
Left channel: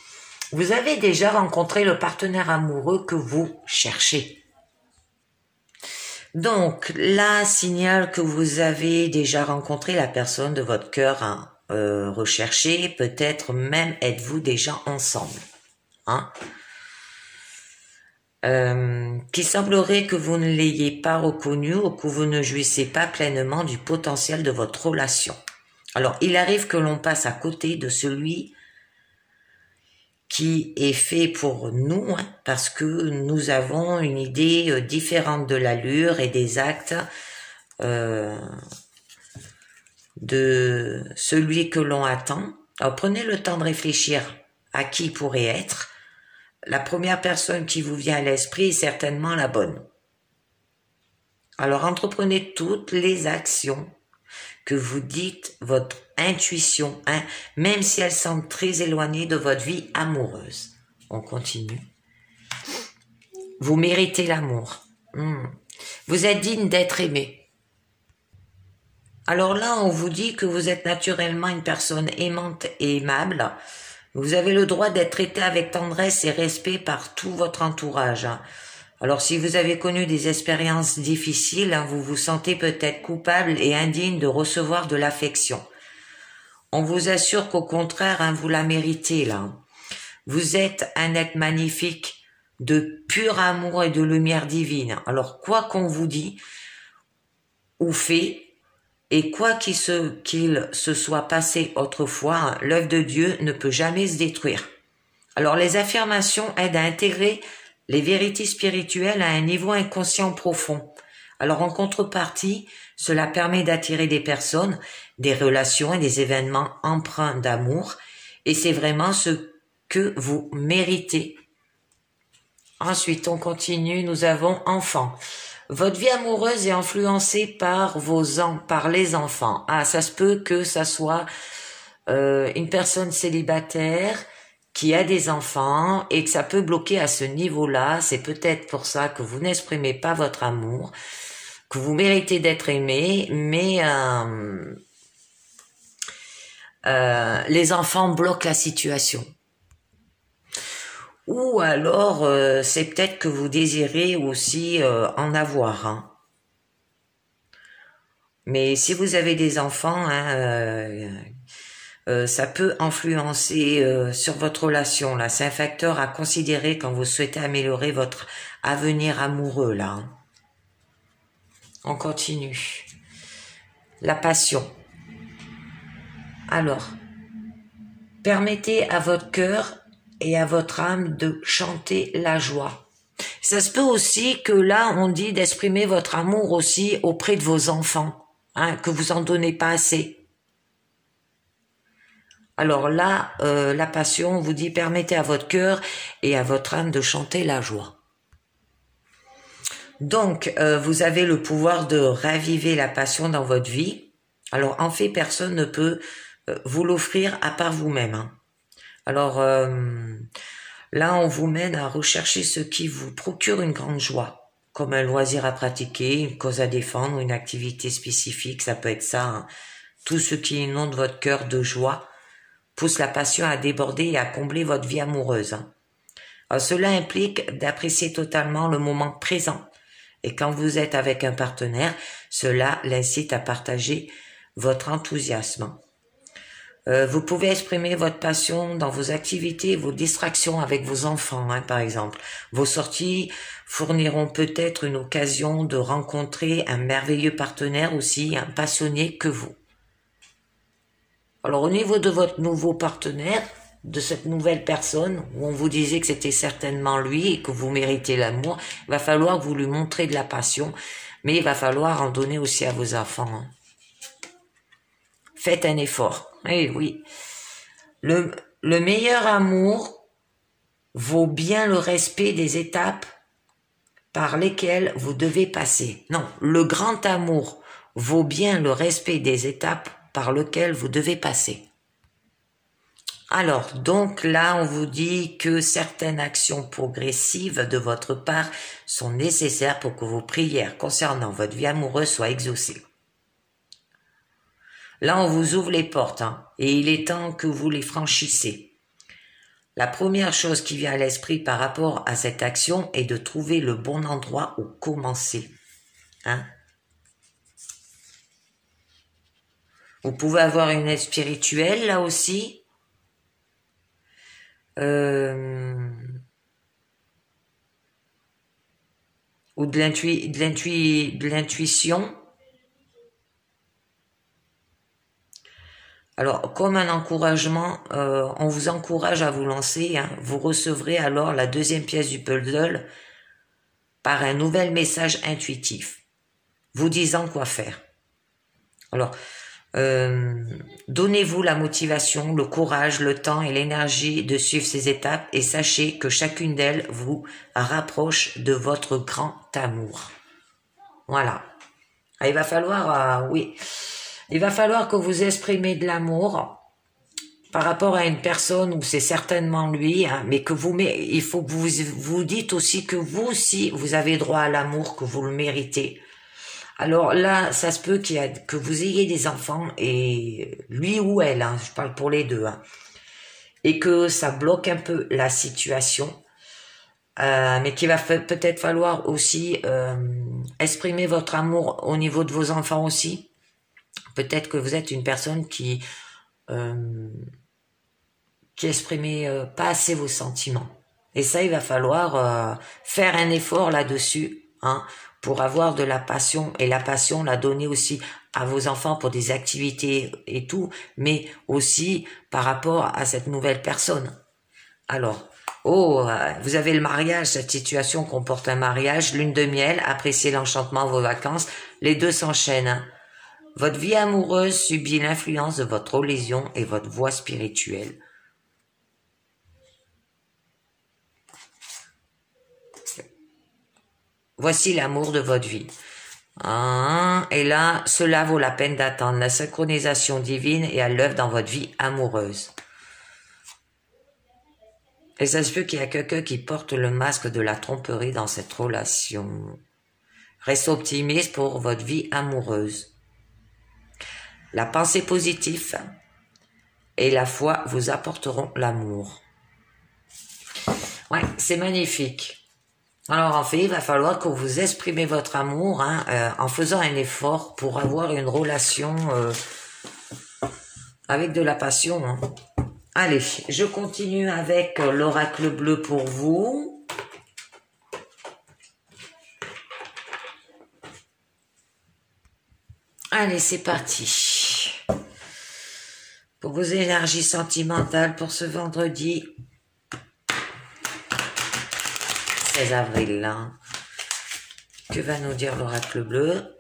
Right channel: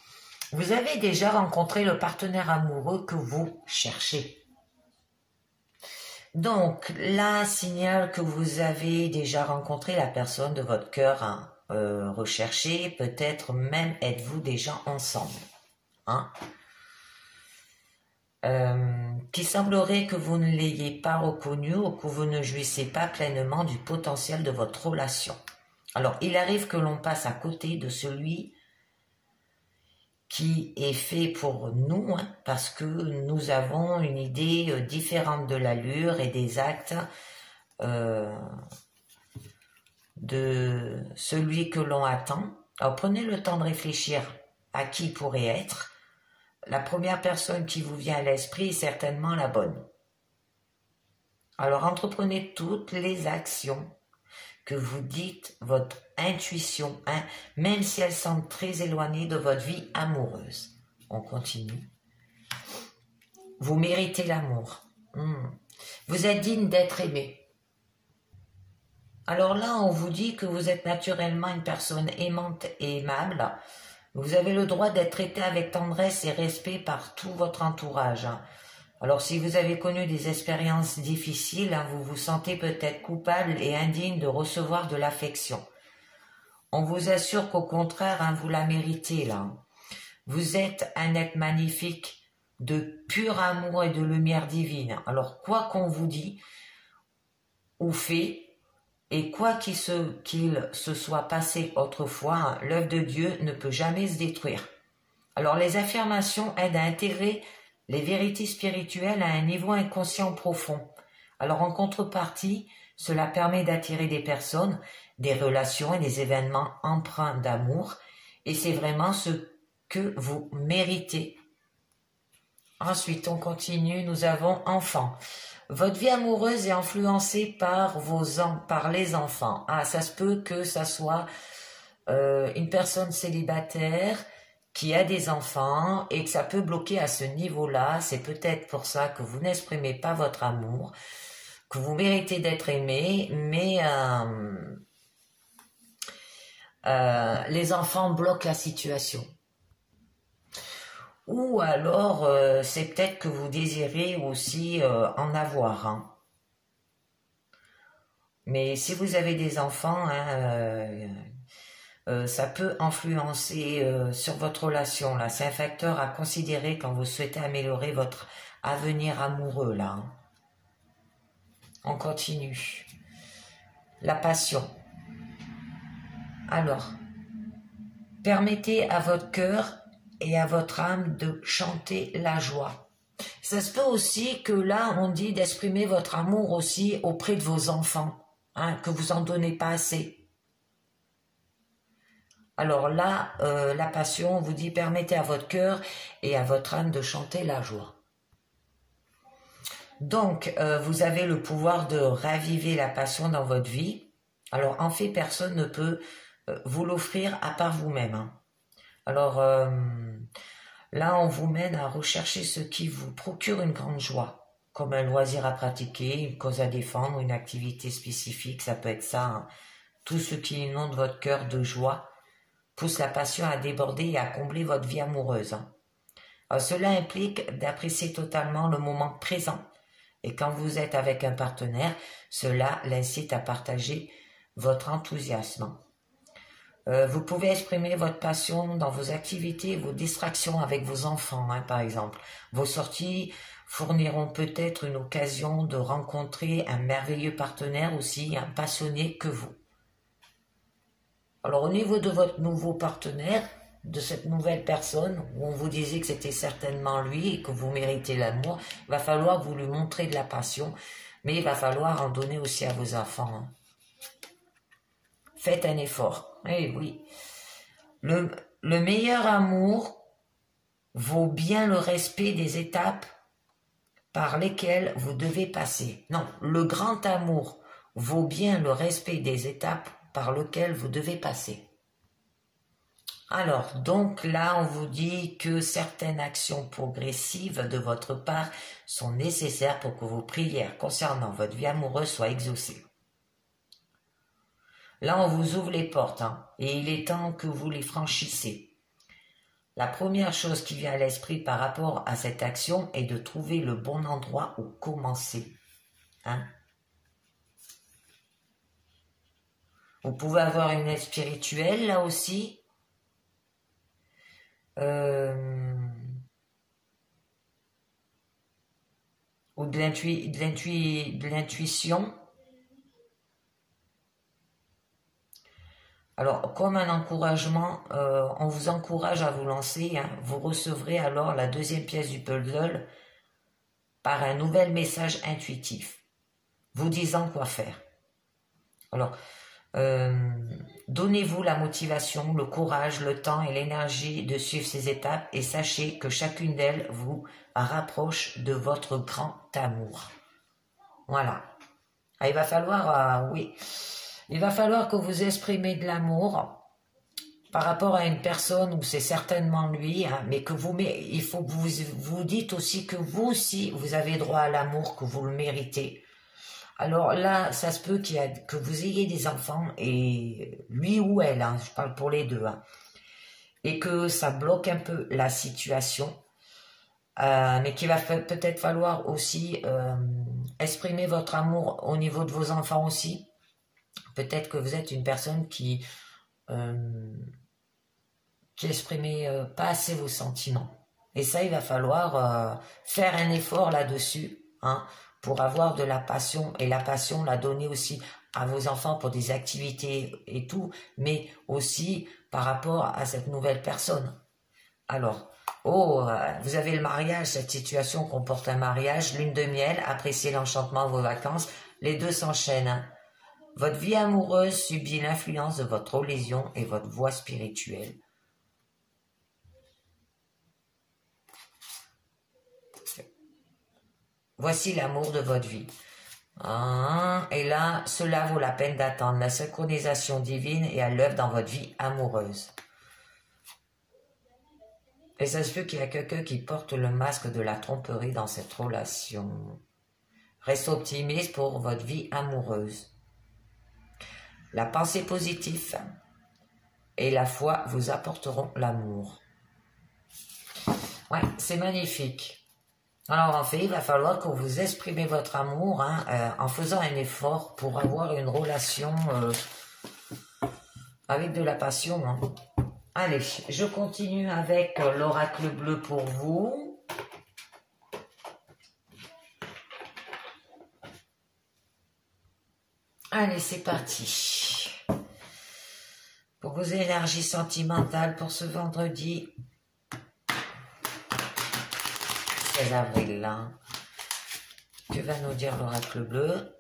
vous avez déjà rencontré le partenaire amoureux que vous cherchez. Donc là, signale que vous avez déjà rencontré la personne de votre cœur recherché. Peut-être même êtes-vous déjà ensemble. Qu'il semblerait que vous ne l'ayez pas reconnu ou que vous ne jouissez pas pleinement du potentiel de votre relation. Alors, il arrive que l'on passe à côté de celui qui est fait pour nous, parce que nous avons une idée différente de l'allure et des actes de celui que l'on attend. Alors, prenez le temps de réfléchir à qui il pourrait être. La première personne qui vous vient à l'esprit est certainement la bonne. Alors, entreprenez toutes les actions que vous dites votre intuition, même si elles semblent très éloignées de votre vie amoureuse. On continue. Vous méritez l'amour. Vous êtes digne d'être aimé. Alors là, on vous dit que vous êtes naturellement une personne aimante et aimable. Vous avez le droit d'être traité avec tendresse et respect par tout votre entourage. Alors si vous avez connu des expériences difficiles, vous vous sentez peut-être coupable et indigne de recevoir de l'affection. On vous assure qu'au contraire, vous la méritez là. Vous êtes un être magnifique, de pur amour et de lumière divine. Alors quoi qu'on vous dit ou fait, et quoi qu'il se soit passé autrefois, l'œuvre de Dieu ne peut jamais se détruire. Alors les affirmations aident à intégrer les vérités spirituelles à un niveau inconscient profond. Alors en contrepartie, cela permet d'attirer des personnes, des relations et des événements empreints d'amour, et c'est vraiment ce que vous méritez. Ensuite, on continue, nous avons enfants. Votre vie amoureuse est influencée par les enfants. Ça se peut que ça soit une personne célibataire qui a des enfants et que ça peut bloquer à ce niveau-là. C'est peut-être pour ça que vous n'exprimez pas votre amour, que vous méritez d'être aimé, mais les enfants bloquent la situation. Ou alors, c'est peut-être que vous désirez aussi en avoir. Mais si vous avez des enfants, ça peut influencer sur votre relation. Là, c'est un facteur à considérer quand vous souhaitez améliorer votre avenir amoureux. Là, on continue. La passion. Alors, permettez à votre cœur et à votre âme de chanter la joie. Ça se peut aussi que là, on dit d'exprimer votre amour aussi auprès de vos enfants, que vous en donnez pas assez. Alors là, la passion, on vous dit permettez à votre cœur et à votre âme de chanter la joie. Donc, vous avez le pouvoir de raviver la passion dans votre vie. Alors, en fait, personne ne peut vous l'offrir à part vous-même, hein. Alors, là, on vous mène à rechercher ce qui vous procure une grande joie, comme un loisir à pratiquer, une cause à défendre, une activité spécifique, ça peut être ça, hein. Tout ce qui inonde votre cœur de joie pousse la passion à déborder et à combler votre vie amoureuse, hein. Alors, cela implique d'apprécier totalement le moment présent. Et quand vous êtes avec un partenaire, cela l'incite à partager votre enthousiasme. Vous pouvez exprimer votre passion dans vos activités et vos distractions avec vos enfants, hein, par exemple. Vos sorties fourniront peut-être une occasion de rencontrer un merveilleux partenaire aussi, un passionné que vous. Alors au niveau de votre nouveau partenaire, de cette nouvelle personne, où on vous disait que c'était certainement lui et que vous méritez l'amour, il va falloir que vous lui montrez de la passion, mais il va falloir en donner aussi à vos enfants, hein. Faites un effort. Eh oui. Le meilleur amour vaut bien le respect des étapes par lesquelles vous devez passer. Non, le grand amour vaut bien le respect des étapes par lesquelles vous devez passer. Alors, donc là, on vous dit que certaines actions progressives de votre part sont nécessaires pour que vos prières concernant votre vie amoureuse soient exaucées. Là, on vous ouvre les portes, hein, et il est temps que vous les franchissez. La première chose qui vient à l'esprit par rapport à cette action est de trouver le bon endroit où commencer, hein. Vous pouvez avoir une aide spirituelle, là aussi. Ou de l'intuition. Alors, comme un encouragement, on vous encourage à vous lancer, hein. Vous recevrez alors la deuxième pièce du puzzle par un nouvel message intuitif, vous disant quoi faire. Alors, donnez-vous la motivation, le courage, le temps et l'énergie de suivre ces étapes et sachez que chacune d'elles vous rapproche de votre grand amour. Voilà. Il va falloir, oui... Il va falloir que vous exprimez de l'amour par rapport à une personne où c'est certainement lui, hein, mais il faut que vous dites aussi que vous aussi, vous avez droit à l'amour, que vous le méritez. Alors là, ça se peut que vous ayez des enfants, et lui ou elle, hein, je parle pour les deux, hein, et que ça bloque un peu la situation, mais qu'il va peut-être falloir aussi exprimer votre amour au niveau de vos enfants aussi. Peut-être que vous êtes une personne qui exprimez pas assez vos sentiments. Et ça, il va falloir faire un effort là-dessus, hein, pour avoir de la passion. Et la passion, la donner aussi à vos enfants pour des activités et tout, mais aussi par rapport à cette nouvelle personne. Alors, vous avez le mariage, cette situation comporte un mariage, lune de miel, appréciez l'enchantement de vos vacances, les deux s'enchaînent, hein. Votre vie amoureuse subit l'influence de votre religion et votre voie spirituelle. Voici l'amour de votre vie. Et là, cela vaut la peine d'attendre. La synchronisation divine est à l'œuvre dans votre vie amoureuse. Et ça se peut qu'il y a quelqu'un qui porte le masque de la tromperie dans cette relation. Restez optimiste pour votre vie amoureuse. La pensée positive et la foi vous apporteront l'amour. Ouais, c'est magnifique. Alors en fait, il va falloir que vous exprimez votre amour, hein, en faisant un effort pour avoir une relation avec de la passion, hein. Allez, je continue avec l'oracle bleu pour vous. Allez, c'est parti. Pour vos énergies sentimentales pour ce vendredi 16 avril, hein. Que va nous dire l'oracle bleu?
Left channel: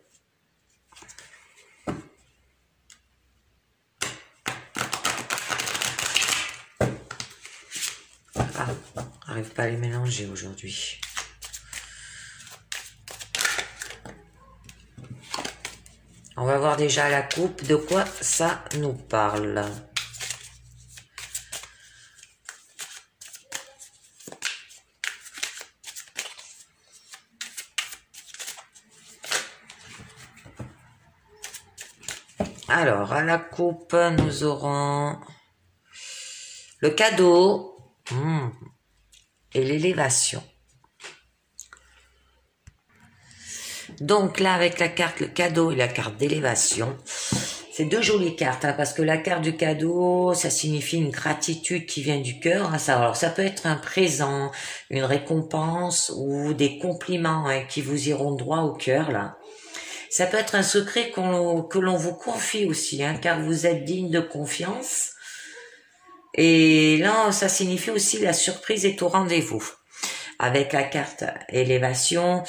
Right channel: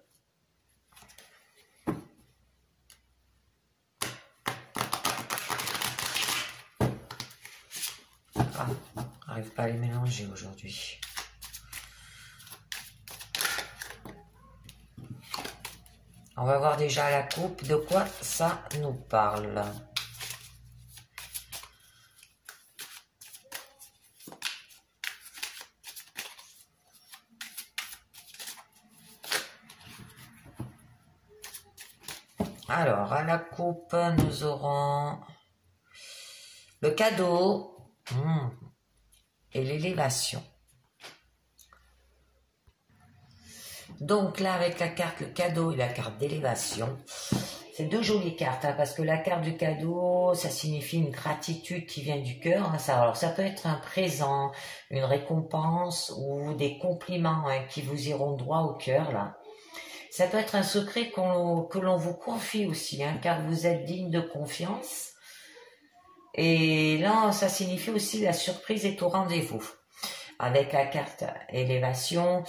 J'arrive pas à les mélanger aujourd'hui. On va voir déjà la coupe, de quoi ça nous parle. Alors, à la coupe, nous aurons le cadeau et l'élévation. Donc là, avec la carte, le cadeau et la carte d'élévation, c'est deux jolies cartes, hein, parce que la carte du cadeau, ça signifie une gratitude qui vient du cœur. Hein, alors, ça peut être un présent, une récompense ou des compliments qui vous iront droit au cœur, là. Ça peut être un secret que l'on vous confie aussi, hein, car vous êtes digne de confiance. Et là, ça signifie aussi la surprise est au rendez-vous. Avec la carte élévation,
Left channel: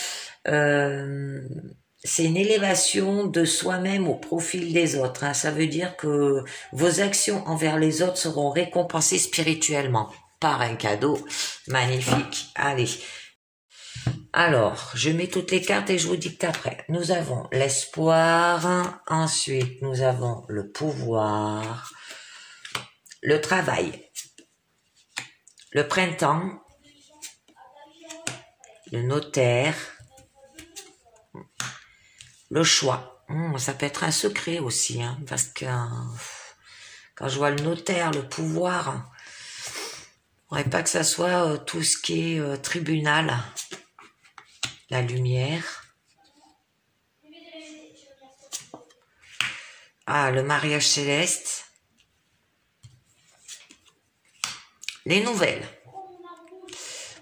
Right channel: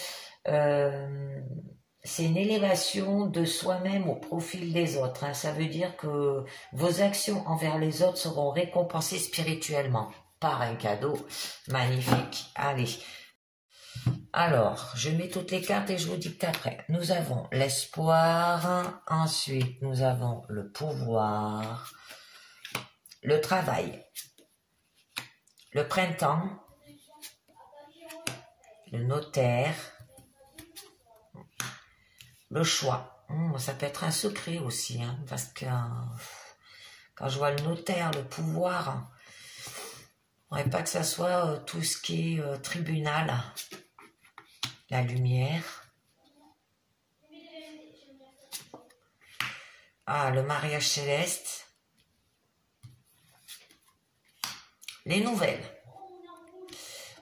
c'est une élévation de soi-même au profil des autres. Hein. Ça veut dire que vos actions envers les autres seront récompensées spirituellement par un cadeau magnifique. Allez. Alors, je mets toutes les cartes et je vous dicte après. Nous avons l'espoir, ensuite nous avons le pouvoir, le travail, le printemps, le notaire, le choix. Ça peut être un secret aussi, hein, parce que quand je vois le notaire, le pouvoir, il ne faudrait pas que ça soit tout ce qui est tribunal. La lumière. Ah, le mariage céleste. Les nouvelles.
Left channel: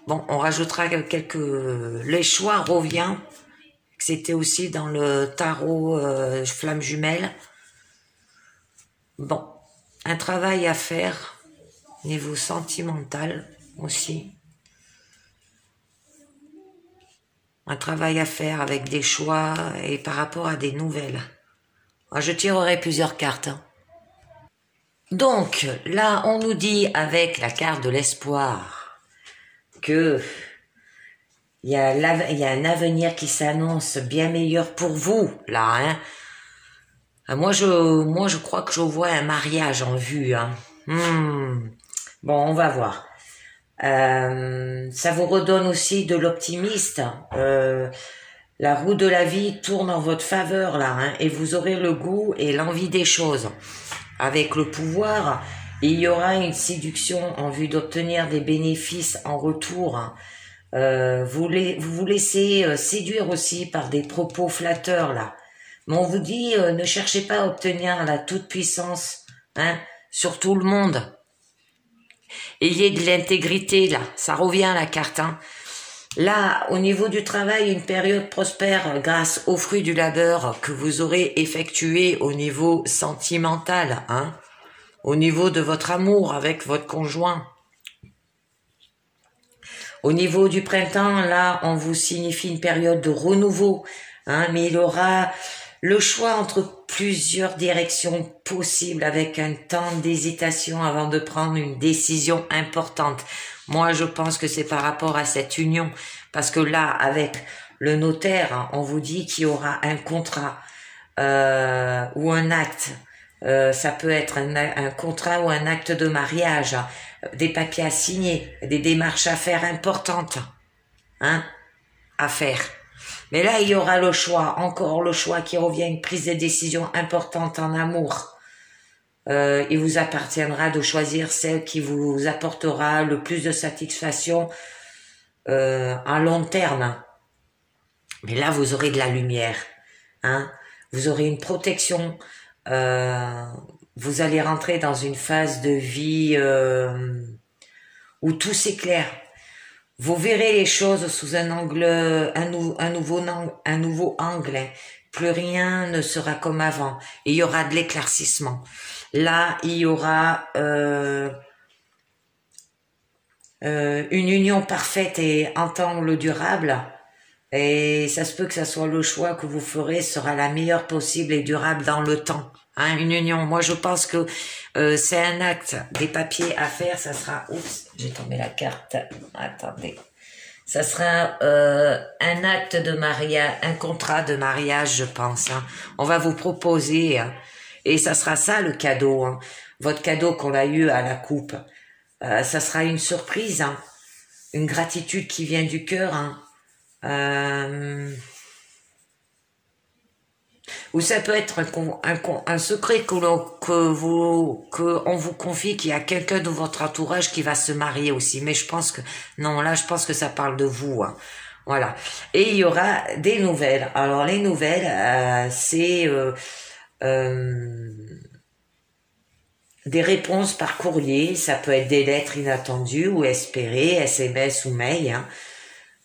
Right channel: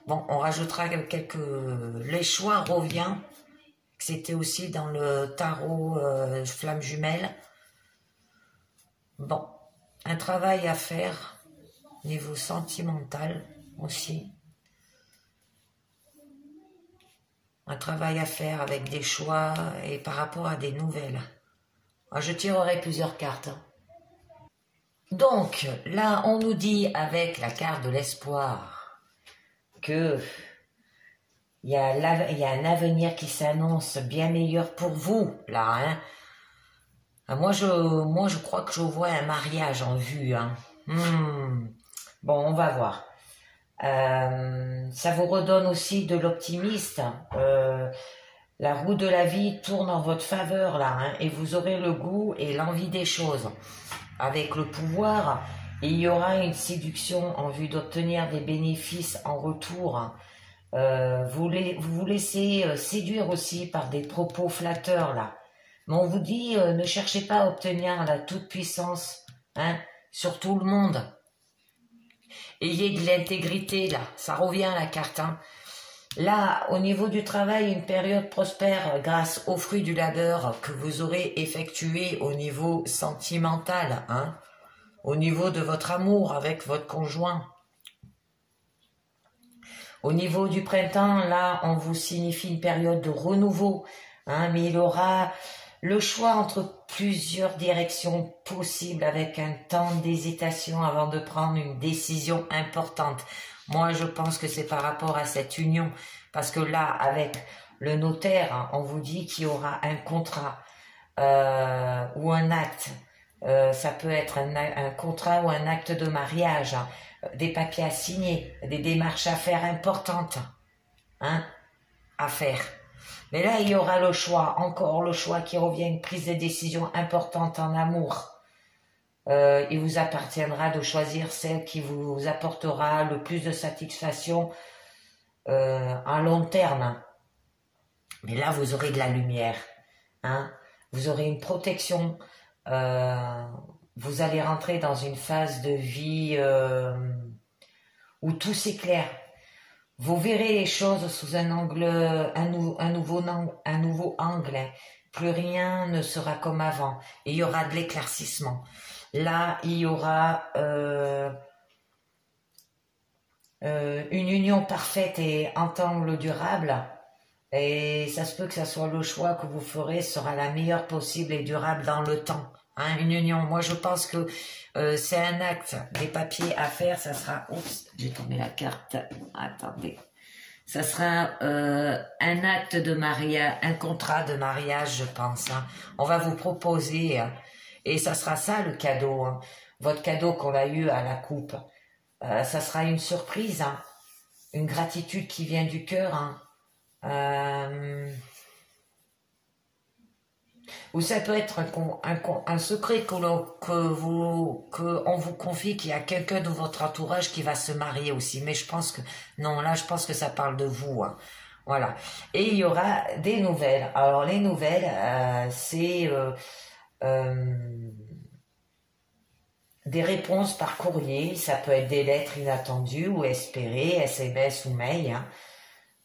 Bon, on rajoutera quelques... Les choix revient. C'était aussi dans le tarot flamme jumelle. Bon, un travail à faire niveau sentimental aussi. Un travail à faire avec des choix et par rapport à des nouvelles. Je tirerai plusieurs cartes. Donc, là, on nous dit avec la carte de l'espoir que il y a un avenir qui s'annonce bien meilleur pour vous, là. Hein. Moi, je crois que je vois un mariage en vue. Hein. Bon, on va voir. Ça vous redonne aussi de l'optimiste. La roue de la vie tourne en votre faveur là, hein, et vous aurez le goût et l'envie des choses. Avec le pouvoir, il y aura une séduction en vue d'obtenir des bénéfices en retour. Vous vous laissez séduire aussi par des propos flatteurs là. Mais on vous dit, ne cherchez pas à obtenir la toute-puissance sur tout le monde. Ayez de l'intégrité, là. Ça revient, la carte. Hein. Là, au niveau du travail, une période prospère grâce aux fruits du labeur que vous aurez effectué au niveau sentimental, hein. Au niveau de votre amour avec votre conjoint. Au niveau du printemps, là, on vous signifie une période de renouveau, hein, mais il y aura le choix entre plusieurs directions possibles avec un temps d'hésitation avant de prendre une décision importante. Moi, je pense que c'est par rapport à cette union, parce que là, avec le notaire, on vous dit qu'il y aura un contrat ou un acte. Ça peut être un contrat ou un acte de mariage, des papiers à signer, des démarches à faire importantes, hein, à faire. Mais là, il y aura le choix, encore le choix qui revient, une prise de décision importante en amour. Il vous appartiendra de choisir celle qui vous apportera le plus de satisfaction à long terme. Mais là, vous aurez de la lumière, hein. Vous aurez une protection. Vous allez rentrer dans une phase de vie où tout s'éclaire. Vous verrez les choses sous un angle, un nouveau angle. Plus rien ne sera comme avant. Et il y aura de l'éclaircissement. Là, il y aura une union parfaite et ensemble durable. Et ça se peut que ça soit le choix que vous ferez sera la meilleure possible et durable dans le temps. Hein, une union. Moi, je pense que c'est un acte, des papiers à faire. Ça sera... Oups, j'ai tombé la carte. Attendez. Ça sera un acte de mariage, un contrat de mariage, je pense. Hein. On va vous proposer, hein, et ça sera ça le cadeau, hein, votre cadeau qu'on a eu à la coupe. Ça sera une surprise, hein, une gratitude qui vient du cœur. Hein. Ou ça peut être un secret qu'on vous confie qu'il y a quelqu'un de votre entourage qui va se marier aussi. Mais je pense que, non, là, je pense que ça parle de vous. Hein. Voilà. Et il y aura des nouvelles. Alors, les nouvelles, c'est des réponses par courrier. Ça peut être des lettres inattendues ou espérées, SMS ou mail.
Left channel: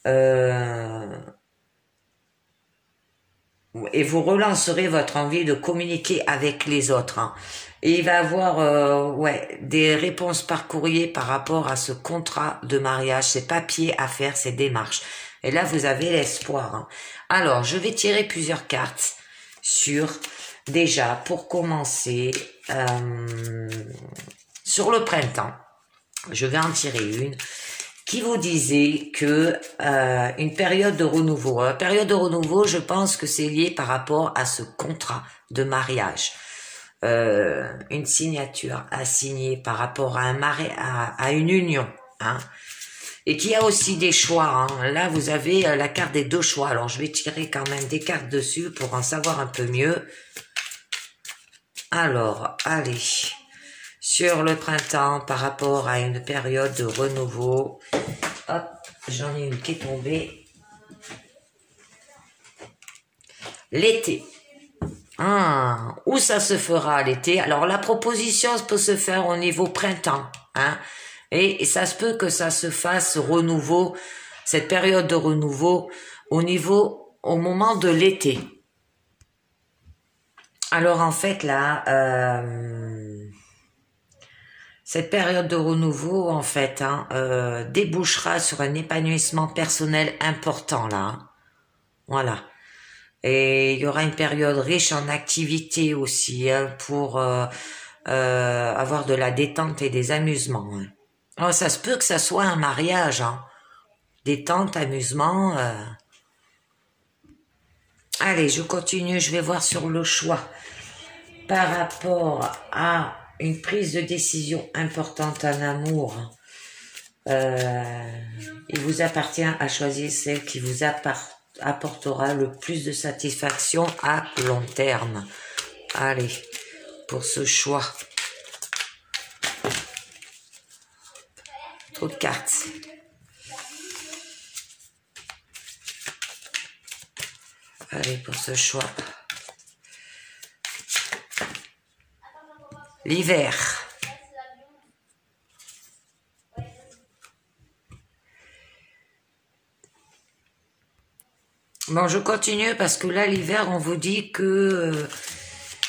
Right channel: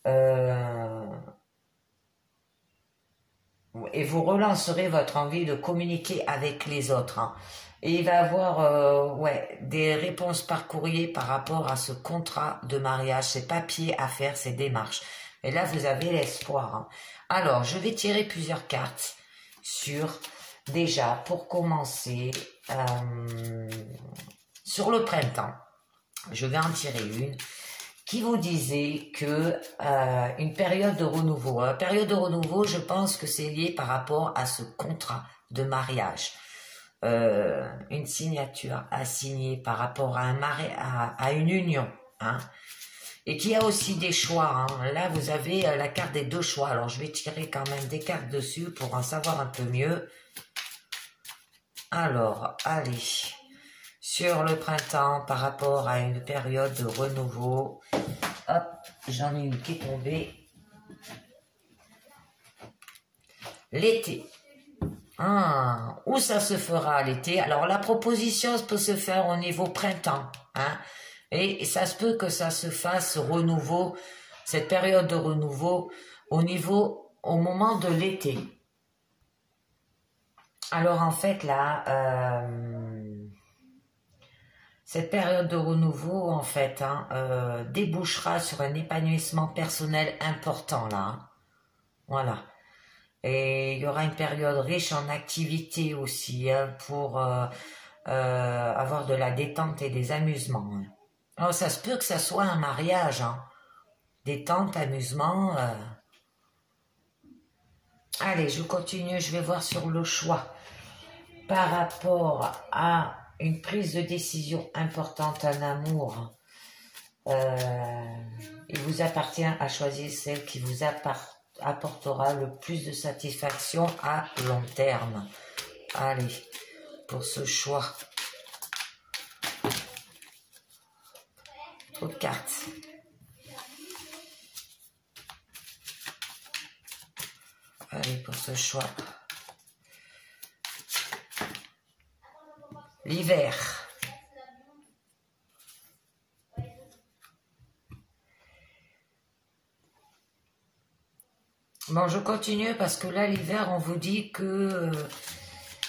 Hein. Et vous relancerez votre envie de communiquer avec les autres. Hein. Et il va avoir des réponses par courrier par rapport à ce contrat de mariage, ces papiers à faire, ces démarches. Et là, vous avez l'espoir. Hein. Alors, je vais tirer plusieurs cartes sur, déjà, pour commencer, sur le printemps. Je vais en tirer une qui vous disait que une période de renouveau. Une période de renouveau, je pense que c'est lié par rapport à ce contrat de mariage. Une signature à signer par rapport à à une union. Hein. Et qu'il y a aussi des choix. Hein. Là, vous avez la carte des deux choix. Alors, je vais tirer quand même des cartes dessus pour en savoir un peu mieux. Alors, allez. Sur le printemps, par rapport à une période de renouveau. Hop, j'en ai une qui est tombée. L'été. Où ça se fera l'été? Alors, la proposition peut se faire au niveau printemps. Hein, et ça se peut que ça se fasse renouveau, cette période de renouveau, au moment de l'été. Alors, en fait, là... cette période de renouveau, en fait, hein, débouchera sur un épanouissement personnel important, là. Hein. Voilà. Et il y aura une période riche en activités aussi, hein, pour avoir de la détente et des amusements. Hein. Alors, ça se peut que ça soit un mariage, hein. Détente, amusement. Allez, je continue, je vais voir sur le choix. Par rapport à une prise de décision importante en amour, il vous appartient à choisir celle qui vous apportera le plus de satisfaction à long terme. Allez, pour ce choix. Trop de cartes. Allez, pour ce choix. L'hiver. Bon, je continue parce que là, l'hiver, on vous dit que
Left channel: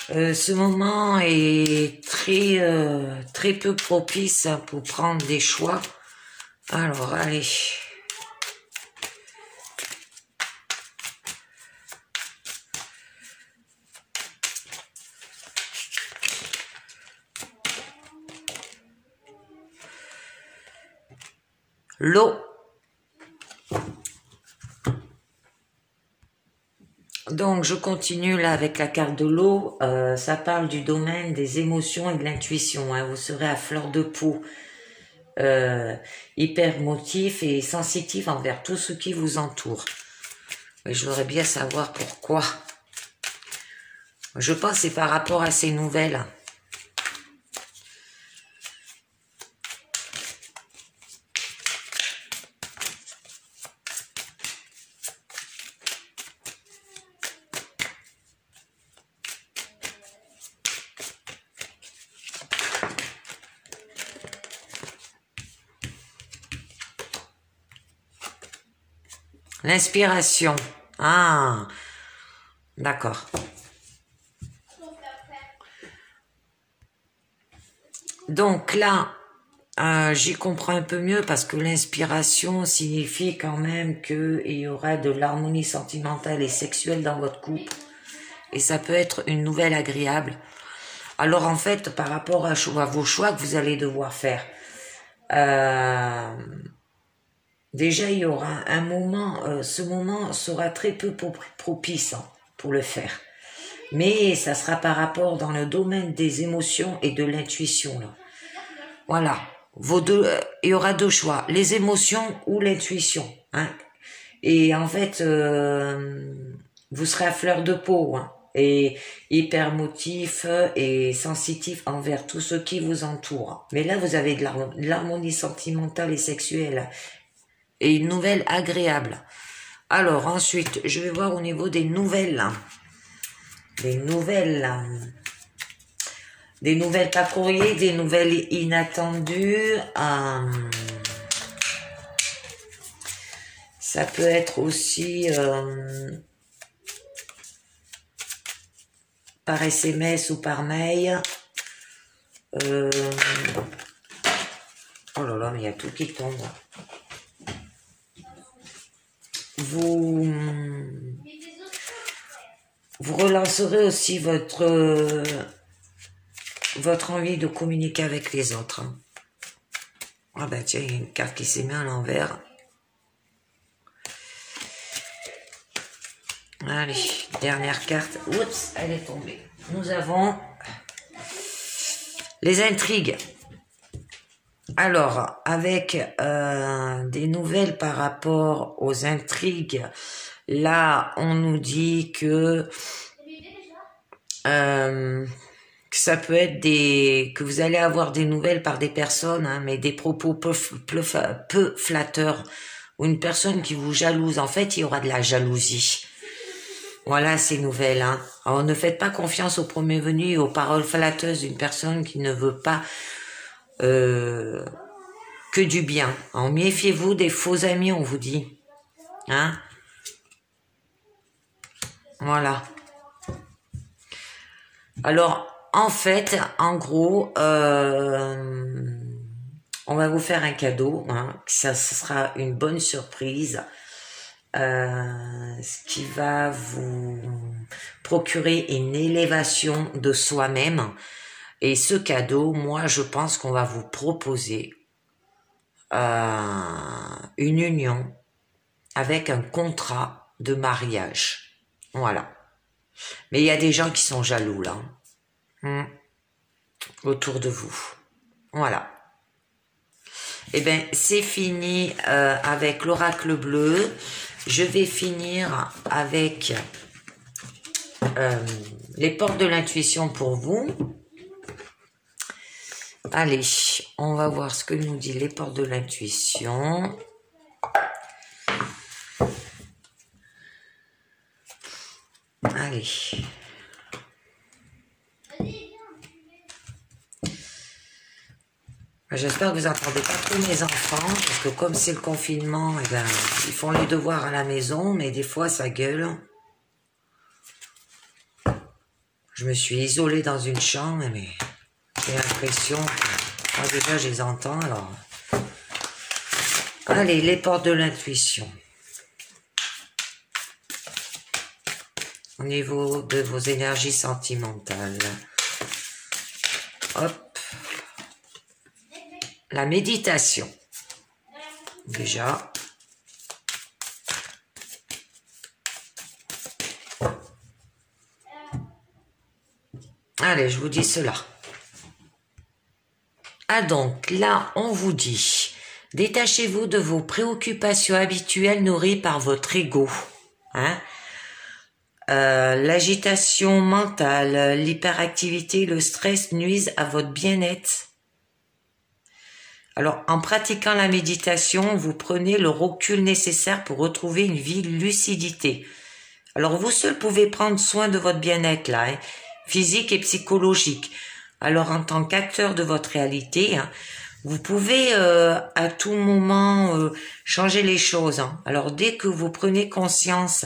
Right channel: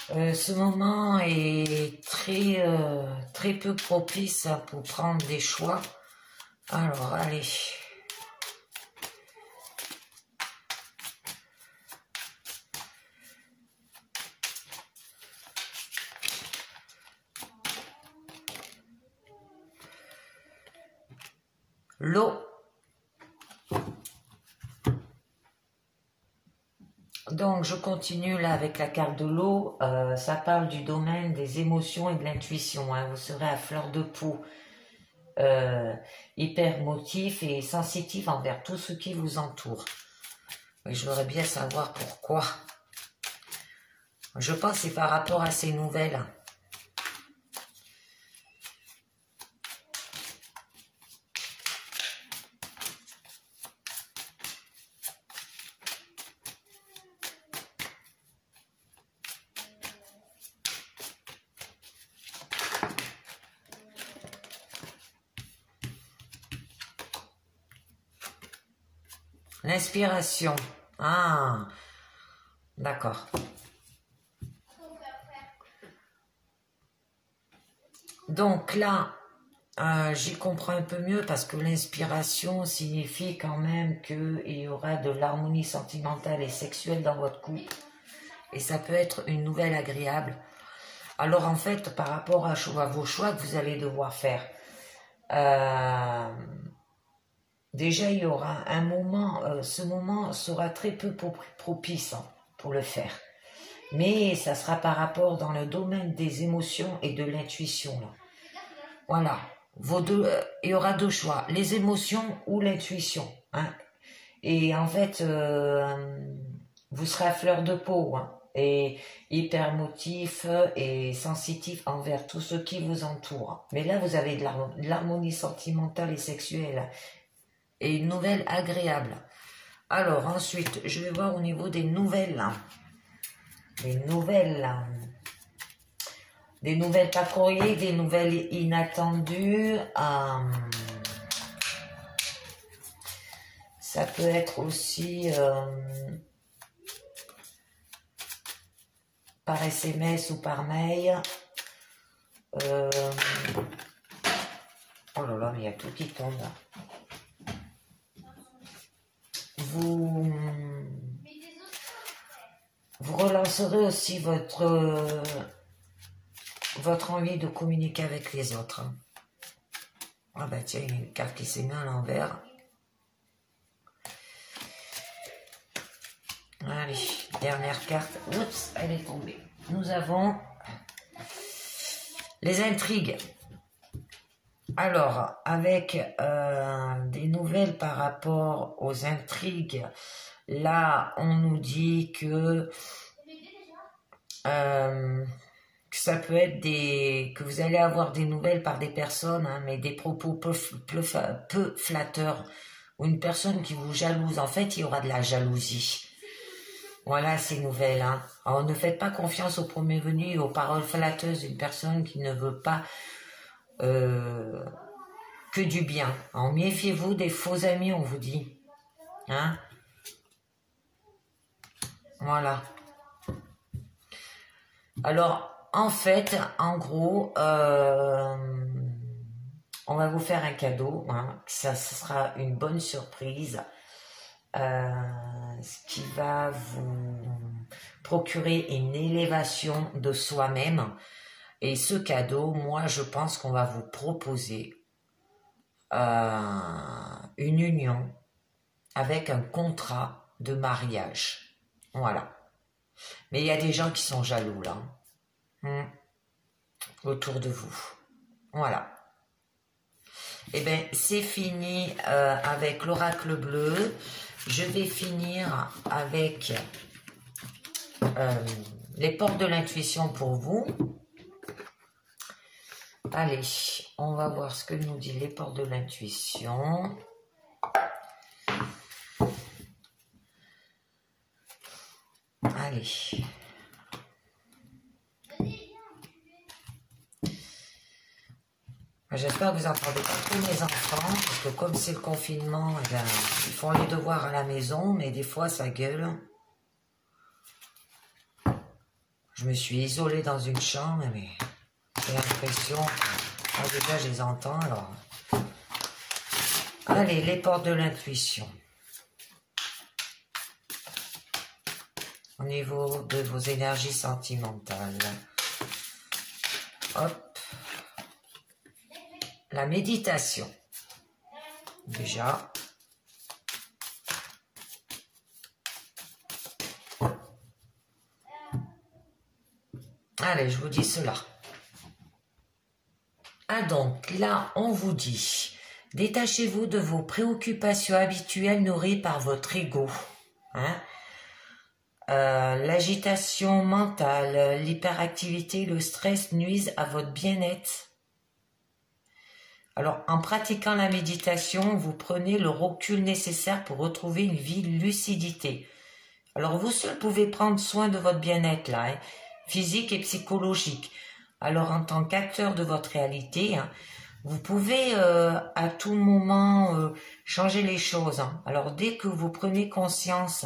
ce moment est très peu propice pour prendre des choix. Alors, allez. L'eau. Donc, je continue là avec la carte de l'eau. Ça parle du domaine des émotions et de l'intuition. Hein. Vous serez à fleur de peau, hyper motif et sensitif envers tout ce qui vous entoure. Mais je voudrais bien savoir pourquoi. Je pense que c'est par rapport à ces nouvelles. L'inspiration. Ah, d'accord. Donc là, j'y comprends un peu mieux parce que l'inspiration signifie quand même qu'il y aura de l'harmonie sentimentale et sexuelle dans votre couple. Et ça peut être une nouvelle agréable. Alors en fait, par rapport à vos choix que vous allez devoir faire, déjà il y aura un moment, ce moment sera très peu propice hein, pour le faire. Mais ça sera par rapport dans le domaine des émotions et de l'intuition. Voilà, il y aura deux choix, les émotions ou l'intuition. Hein. Et en fait, vous serez à fleur de peau hein, et hyper motif et sensitif envers tout ce qui vous entoure. Mais là, vous avez de l'harmonie sentimentale et sexuelle et une nouvelle agréable. Alors ensuite, je vais voir au niveau des nouvelles. Des nouvelles pas courrier, des nouvelles inattendues. Ça peut être aussi par SMS ou par mail. Oh là là, mais il y a tout qui tombe. Vous relancerez aussi votre envie de communiquer avec les autres. Ah ben tiens, il y a une carte qui s'est mise à l'envers. Allez, dernière carte. Oups, elle est tombée. Nous avons les intrigues. Alors, avec des nouvelles par rapport aux intrigues, là, on nous dit que ça peut être que vous allez avoir des nouvelles par des personnes, hein, mais des propos peu flatteurs, ou une personne qui vous jalouse. En fait, il y aura de la jalousie. Voilà ces nouvelles. Hein. Alors, ne faites pas confiance au premier venu et aux paroles flatteuses d'une personne qui ne veut pas que du bien. Alors, méfiez-vous des faux amis, on vous dit. Hein? Voilà. Alors, en fait, en gros, on va vous faire un cadeau. Hein. Ça sera une bonne surprise. Ce qui va vous procurer une élévation de soi-même. Et ce cadeau, moi, je pense qu'on va vous proposer une union avec un contrat de mariage. Voilà. Mais il y a des gens qui sont jaloux, là. Autour de vous. Voilà. Eh bien, c'est fini avec l'oracle bleu. Je vais finir avec les portes de l'intuition pour vous. Allez, on va voir ce que nous dit les portes de l'intuition. Allez. J'espère que vous n'entendez pas trop mes enfants, parce que comme c'est le confinement, eh ben, ils font les devoirs à la maison, mais des fois ça gueule. Je me suis isolée dans une chambre, mais j'ai l'impression que moi, déjà je les entends. Alors, allez, les portes de l'intuition. Au niveau de vos énergies sentimentales. Hop. La méditation. Déjà. Allez, je vous dis cela. Ah donc, là, on vous dit, détachez-vous de vos préoccupations habituelles nourries par votre ego. Hein? L'agitation mentale, l'hyperactivité, le stress nuisent à votre bien-être. Alors, en pratiquant la méditation, vous prenez le recul nécessaire pour retrouver une vie lucidité. Alors, vous seul pouvez prendre soin de votre bien-être, là, hein, physique et psychologique. Alors, en tant qu'acteur de votre réalité, hein, vous pouvez à tout moment changer les choses. Hein. Alors, dès que vous prenez conscience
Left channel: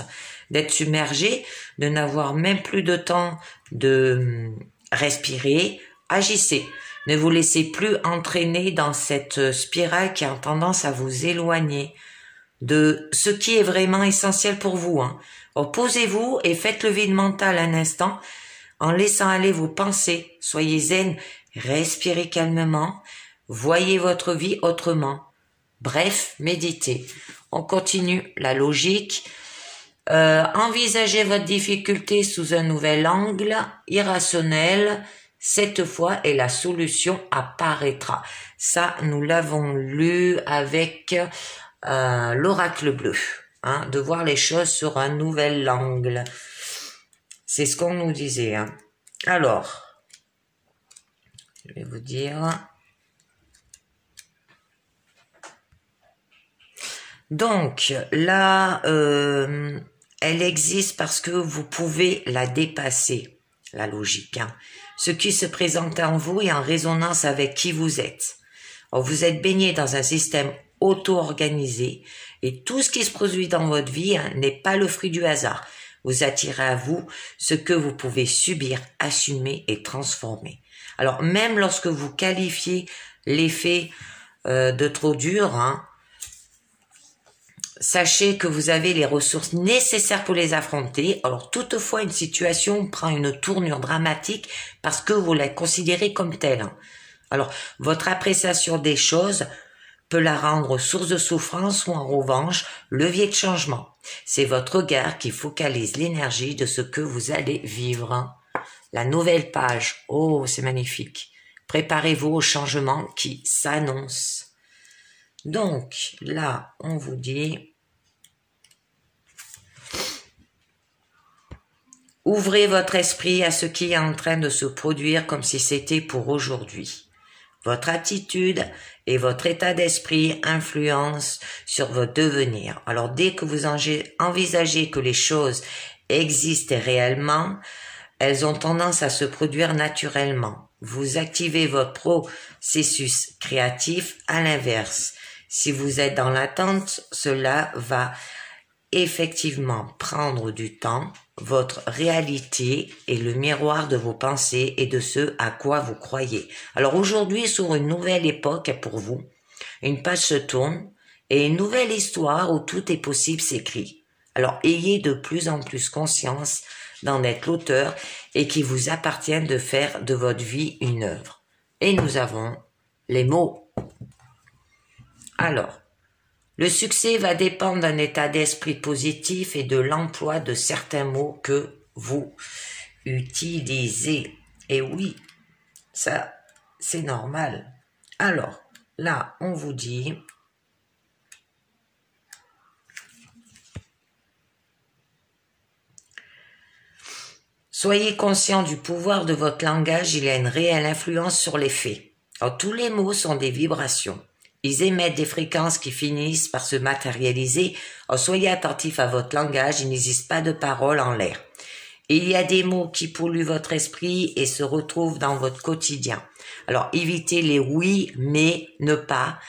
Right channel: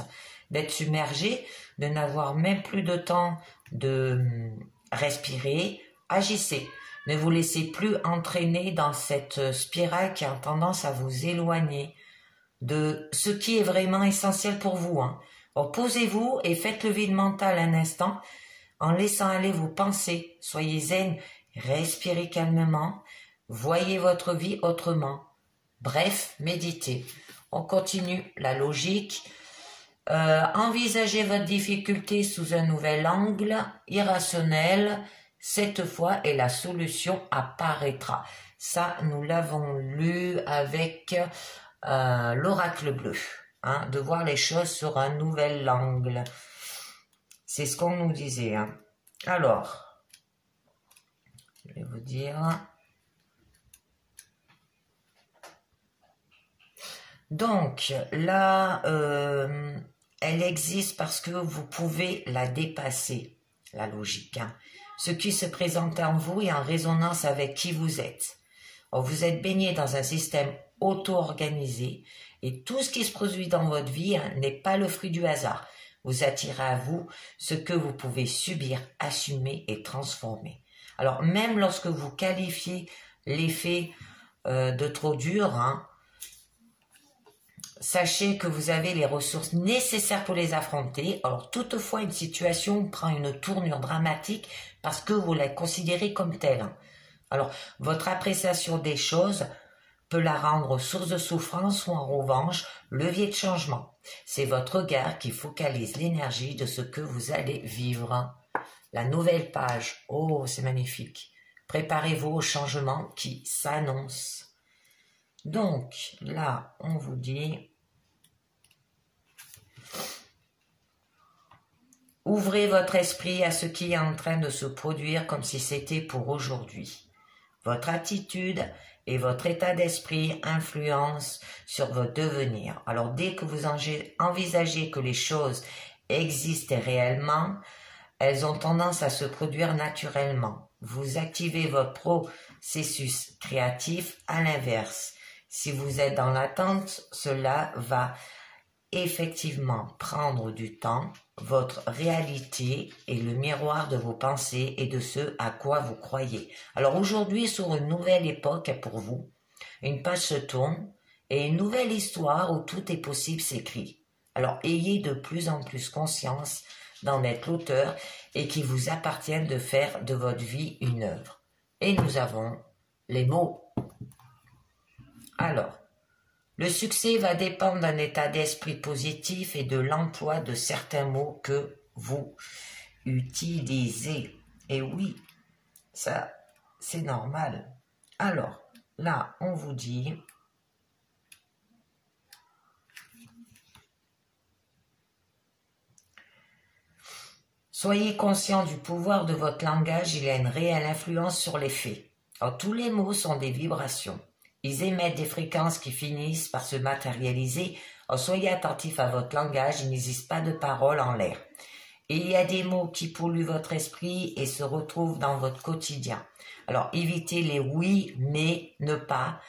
d'être submergé, de n'avoir même plus de temps de respirer, agissez. Ne vous laissez plus entraîner dans cette spirale qui a tendance à vous éloigner de ce qui est vraiment essentiel pour vous. Hein. Posez-vous et faites le vide mental un instant en laissant aller vos pensées. Soyez zen, respirez calmement, voyez votre vie autrement. Bref, méditez. On continue la logique. Envisagez votre difficulté sous un nouvel angle irrationnel cette fois et la solution apparaîtra. Ça, nous l'avons lu avec l'oracle bleu, hein, de voir les choses sur un nouvel angle. C'est ce qu'on nous disait. Hein. Alors, je vais vous dire. Donc, là, elle existe parce que vous pouvez la dépasser, la logique. Hein. Ce qui se présente en vous est en résonance avec qui vous êtes. Alors, vous êtes baigné dans un système auto-organisé et tout ce qui se produit dans votre vie hein, n'est pas le fruit du hasard. Vous attirez à vous ce que vous pouvez subir, assumer et transformer. Alors, même lorsque vous qualifiez l'effet de trop dur, hein, sachez que vous avez les ressources nécessaires pour les affronter. Alors, toutefois, une situation prend une tournure dramatique parce que vous la considérez comme telle. Alors, votre appréciation des choses peut la rendre source de souffrance ou en revanche, levier de changement. C'est votre regard qui focalise l'énergie de ce que vous allez vivre. La nouvelle page. Oh, c'est magnifique. Préparez-vous au changement qui s'annonce. Donc, là, on vous dit... Ouvrez votre esprit à ce qui est en train de se produire comme si c'était pour aujourd'hui. Votre attitude et votre état d'esprit influencent sur votre devenir. Alors dès que vous envisagez que les choses existent réellement, elles ont tendance à se produire naturellement. Vous activez votre processus créatif à l'inverse. Si vous êtes dans l'attente, cela va effectivement prendre du temps. Votre réalité est le miroir de vos pensées et de ce à quoi vous croyez. Alors aujourd'hui, sur une nouvelle époque pour vous, une page se tourne et une nouvelle histoire où tout est possible s'écrit. Alors ayez de plus en plus conscience d'en être l'auteur et qu'il vous appartient de faire de votre vie une œuvre. Et nous avons les mots. Alors, le succès va dépendre d'un état d'esprit positif et de l'emploi de certains mots que vous utilisez. Et oui, ça, c'est normal. Alors, là, on vous dit... Soyez conscient du pouvoir de votre langage, il a une réelle influence sur les faits. Alors, tous les mots sont des vibrations. Ils émettent des fréquences qui finissent par se matérialiser. Alors, soyez attentifs à votre langage, il n'existe pas de paroles en l'air. Il y a des mots qui polluent votre esprit et se retrouvent dans votre quotidien. Alors, évitez les oui, mais, ne pas,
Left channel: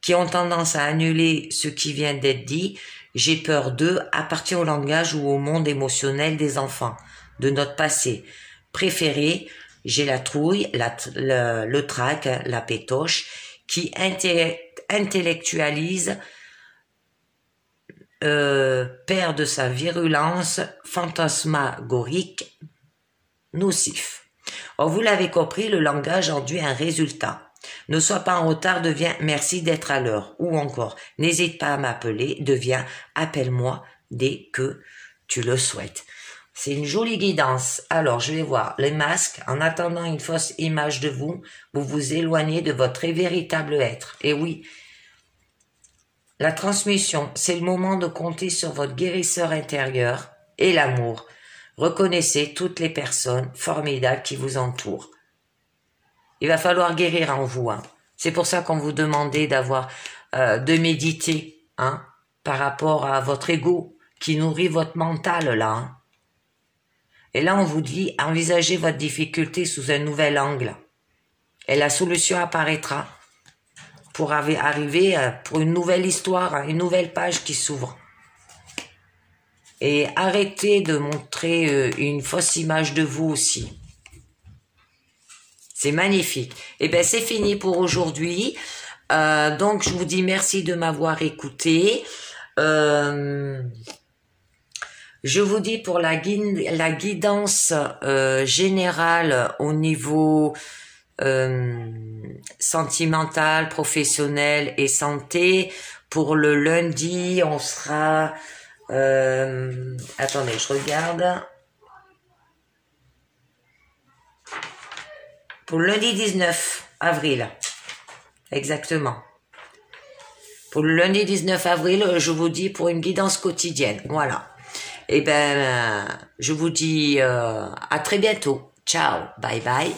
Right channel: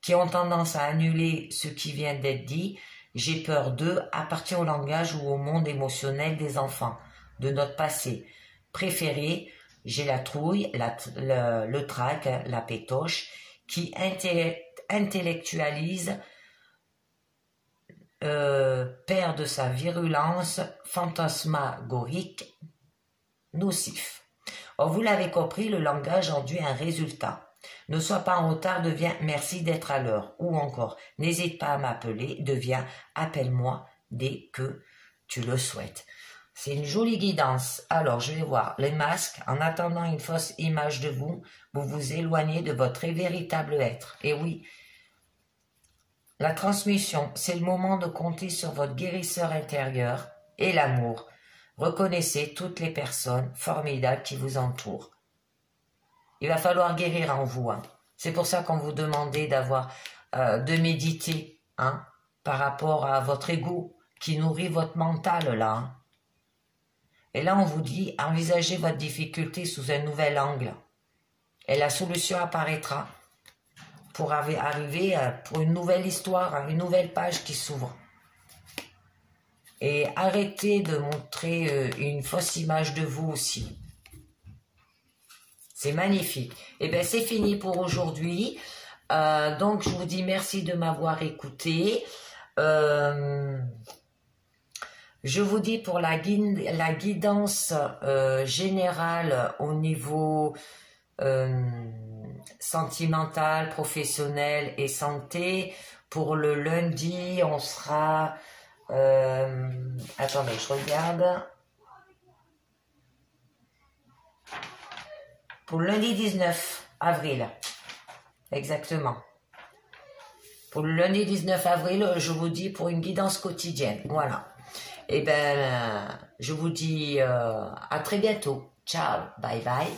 qui ont tendance à annuler ce qui vient d'être dit. J'ai peur d'eux appartient au langage ou au monde émotionnel des enfants, de notre passé. Préféré, j'ai la trouille, le trac, la pétoche, qui intellectualise, perd de sa virulence fantasmagorique, nocif. Or, vous l'avez compris, le langage induit un résultat. Ne sois pas en retard devient merci d'être à l'heure. Ou encore, n'hésite pas à m'appeler devient appelle-moi dès que tu le souhaites. C'est une jolie guidance. Alors, je vais voir les masques. En attendant une fausse image de vous, vous vous éloignez de votre véritable être. Et oui, la transmission, c'est le moment de compter sur votre guérisseur intérieur et l'amour. Reconnaissez toutes les personnes formidables qui vous entourent. Il va falloir guérir en vous. Hein. C'est pour ça qu'on vous demandait de méditer hein, par rapport à votre ego qui nourrit votre mental là. Hein. Et là, on vous dit, envisagez votre difficulté sous un nouvel angle. Et la solution apparaîtra pour arriver pour une nouvelle histoire, une nouvelle page qui s'ouvre. Et arrêtez de montrer une fausse image de vous aussi. C'est magnifique. Et bien, c'est fini pour aujourd'hui. Donc, je vous dis merci de m'avoir écouté. Je vous dis pour la guidance générale au niveau sentimentale, professionnelle et santé. Pour le lundi, on sera... attendez, je regarde. Pour le lundi 19 avril, exactement. Pour le lundi 19 avril, je vous dis pour une guidance quotidienne. Voilà. Et ben, je vous dis à très bientôt. Ciao, bye bye.